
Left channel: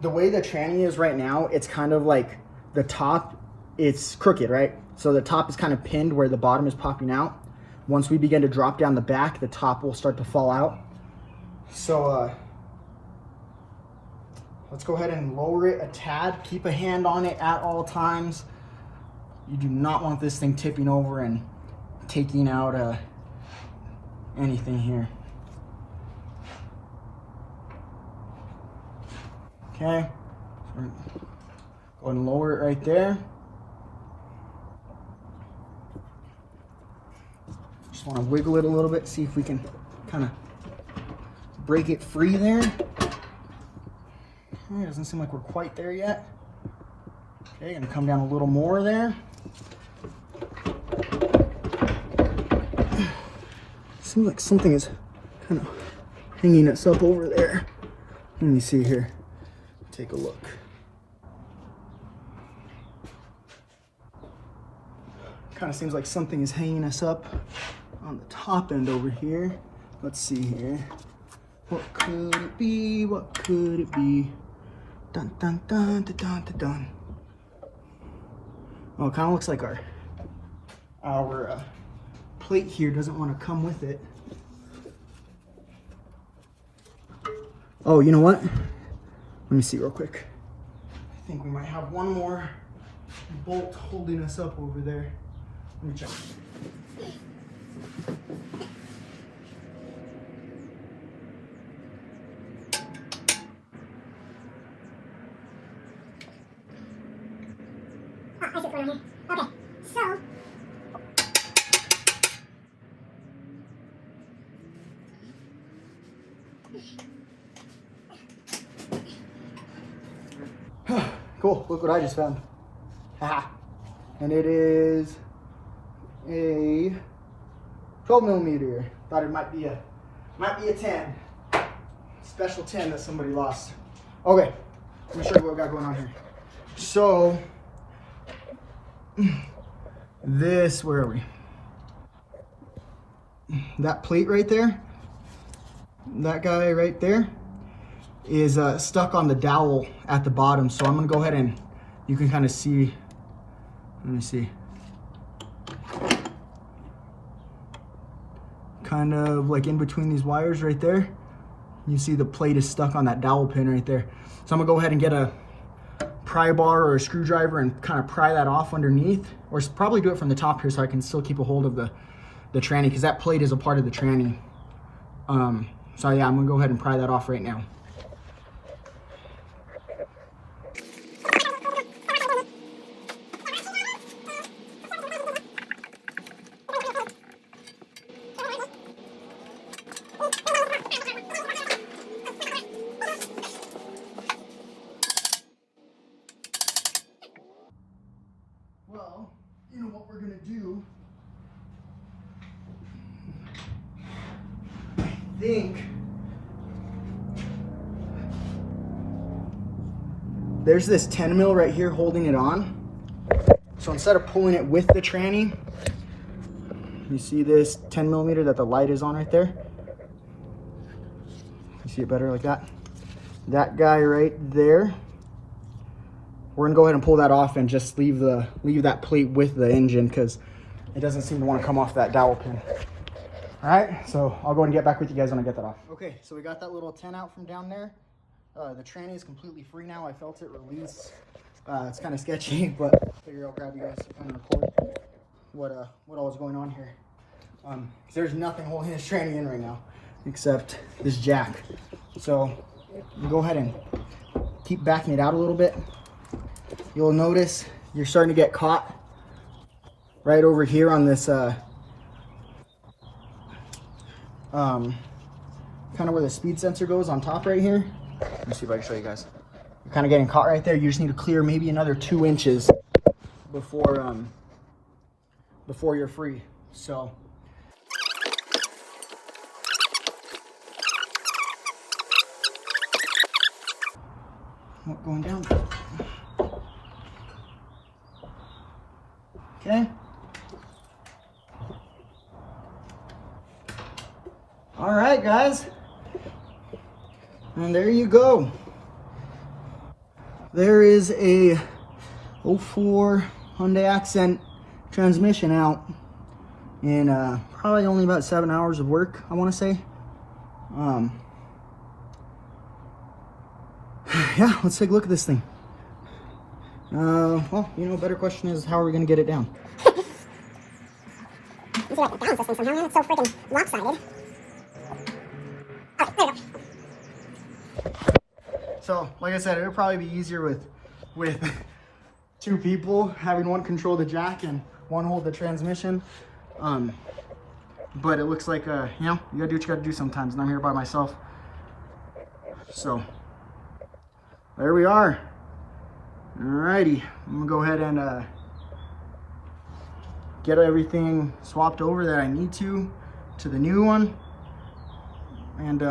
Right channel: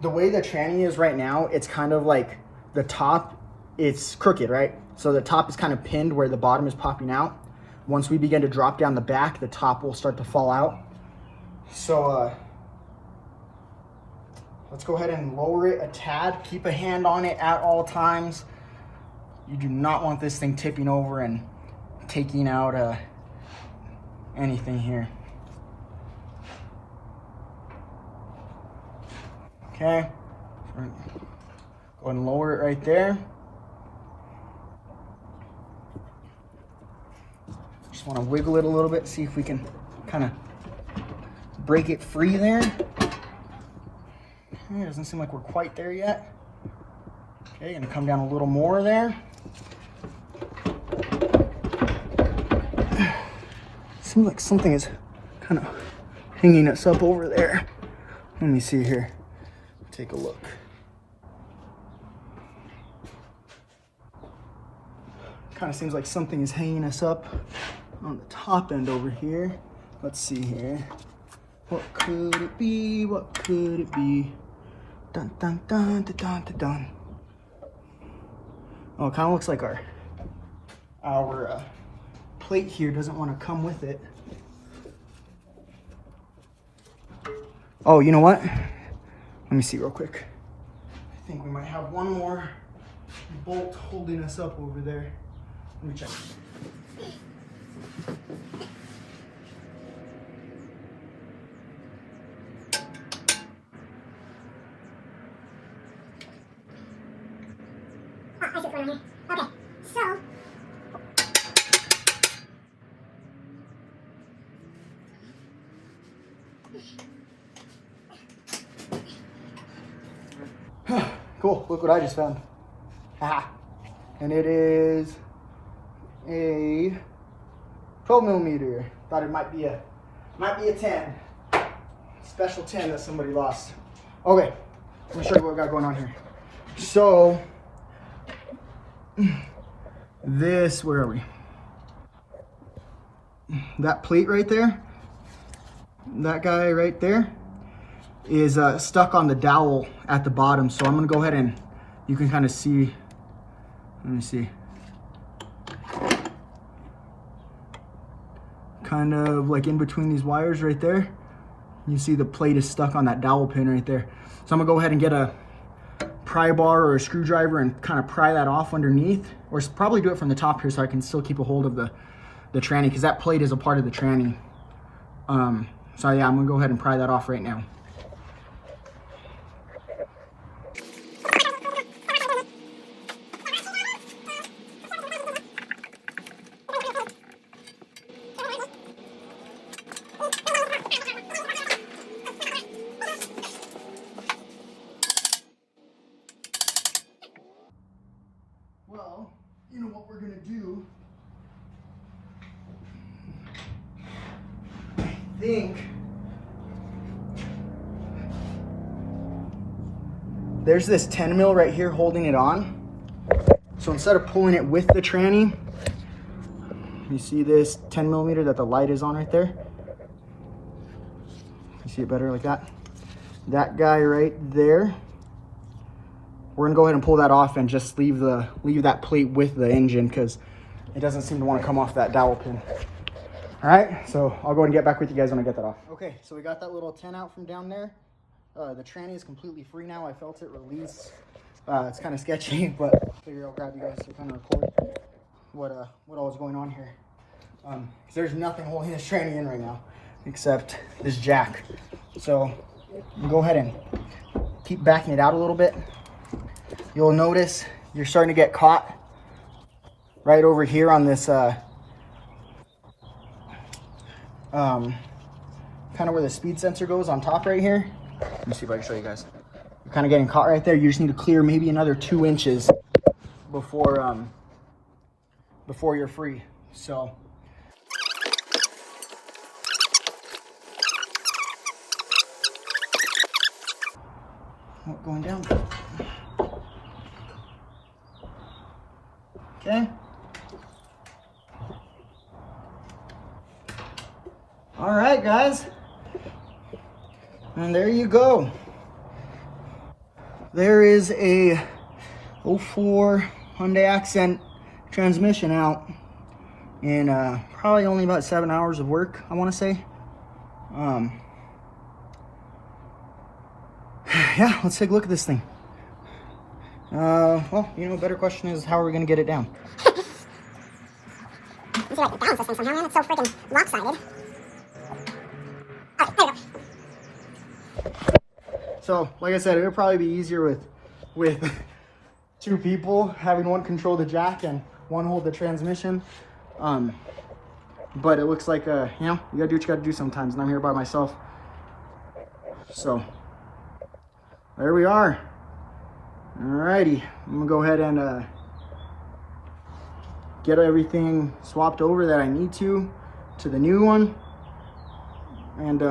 the way the tranny is right now, it's kind of like the top, it's crooked, right? So the top is kind of pinned where the bottom is popping out. Once we begin to drop down the back, the top will start to fall out. So let's go ahead and lower it a tad. Keep a hand on it at all times. You do not want this thing tipping over and taking out anything here. Okay, go ahead and lower it right there. Just want to wiggle it a little bit, see if we can kind of break it free there. It doesn't seem like we're quite there yet. Okay, gonna come down a little more there. Seems like something is kind of hanging us up over there. Let me see here. Take a look. Kind of seems like something is hanging us up on the top end over here. Let's see here. What could it be? What could it be? Dun dun dun dun dun dun dun. Oh, it kind of looks like our plate here doesn't want to come with it. Oh, you know what? Let me see real quick. I think we might have one more bolt holding us up over there. Let me check. Okay, so Cool, look what I just found. And it is a 12 millimeter. Thought it might be a 10. Special 10 that somebody lost. Okay, let me show you what we got going on here. So this, where are we? That plate right there, that guy right there is stuck on the dowel at the bottom. So I'm gonna go ahead and you can kind of see, let me see, kind of like in between these wires right there. You see the plate is stuck on that dowel pin right there. So I'm gonna go ahead and get a pry bar or a screwdriver and kind of pry that off underneath, or probably do it from the top here so I can still keep a hold of the tranny, because that plate is a part of the tranny. So yeah, I'm gonna go ahead and pry that off right now. Well, you know what we're gonna do? I think there's this 10 mil right here holding it on. So instead of pulling it with the tranny, you see this 10 millimeter that the light is on right there? You see it better like that? That guy right there. We're gonna go ahead and pull that off and just leave that plate with the engine, because it doesn't seem to want to come off that dowel pin. All right, so I'll go ahead and get back with you guys when I get that off. Okay, so we got that little 10 out from down there. The tranny is completely free now. I felt it release. It's kind of sketchy, but I figured I'll grab you guys to kind of record what all is going on here. 'Cause there's nothing holding this tranny in right now except this jack. So we'll go ahead and keep backing it out a little bit. You'll notice you're starting to get caught right over here on this kind of where the speed sensor goes on top right here. Let me see if I can show you guys. You're kind of getting caught right there. You just need to clear maybe another 2 inches before you're free. So going down. Okay. All right, guys. And there you go. There is a 04 Hyundai Accent transmission out in probably only about 7 hours of work, I want to say. Yeah, let's take a look at this thing. Well, you know, a better question is, how are we going to get it down? I feel like to balance this thing somehow, man. It's so freaking lopsided. Alright, there we go. So, like I said, it would probably be easier with 2 people, having one control the jack and one hold the transmission. But it looks like, you know, you gotta do what you gotta do sometimes, and I'm here by myself. So, there we are. Alrighty, I'm gonna go ahead and get everything swapped over that I need to the new one. And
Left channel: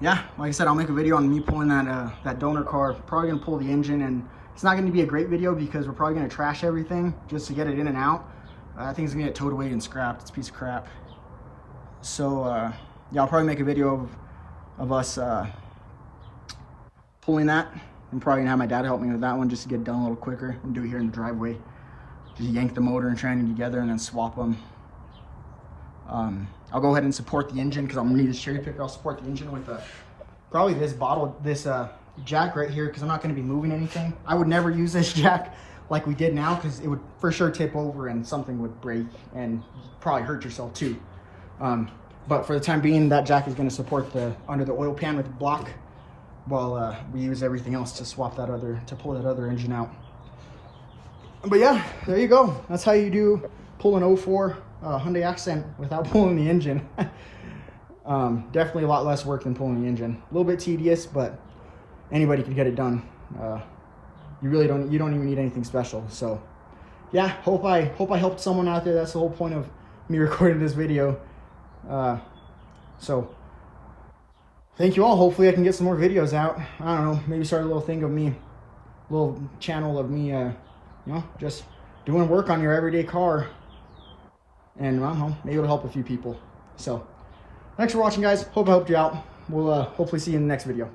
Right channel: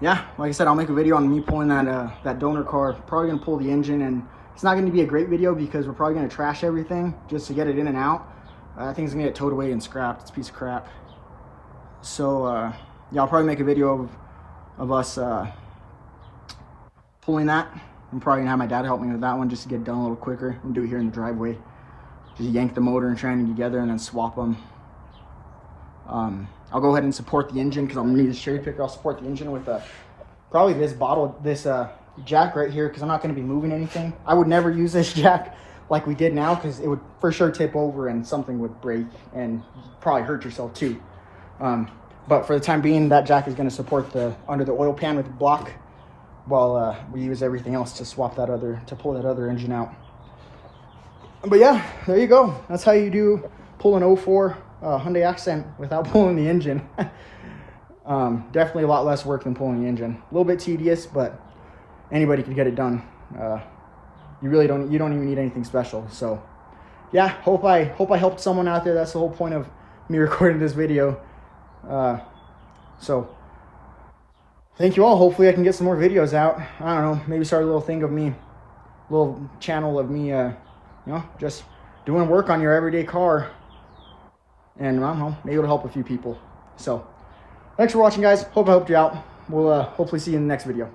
yeah, like I said, I'll make a video on me pulling that donor car. Probably gonna pull the engine, and it's not gonna be a great video because we're probably gonna trash everything just to get it in and out. I think it's gonna get towed away and scrapped. It's a piece of crap. So yeah, I'll probably make a video of us pulling that. I'm probably gonna have my dad help me with that one just to get it done a little quicker. We'll do it here in the driveway. Just yank the motor and tranny together and then swap them. I'll go ahead and support the engine because I'm gonna need a cherry picker. I'll support the engine with probably this jack right here, because I'm not gonna be moving anything. I would never use this jack like we did now, because it would for sure tip over and something would break and probably hurt yourself too. But for the time being, that jack is gonna support under the oil pan with the block, while we use everything else to pull that other engine out. But yeah, there you go. That's how you do pull an 04 Hyundai Accent without pulling the engine. Definitely a lot less work than pulling the engine. A little bit tedious, but anybody can get it done. You don't even need anything special. So yeah, hope I helped someone out there. That's the whole point of me recording this video. So thank you all. Hopefully I can get some more videos out. I don't know, maybe start a little thing of me, little channel of me, you know, just doing work on your everyday car. And I don't know, maybe it'll help a few people. So thanks for watching, guys. Hope I helped you out. We'll hopefully see you in the next video.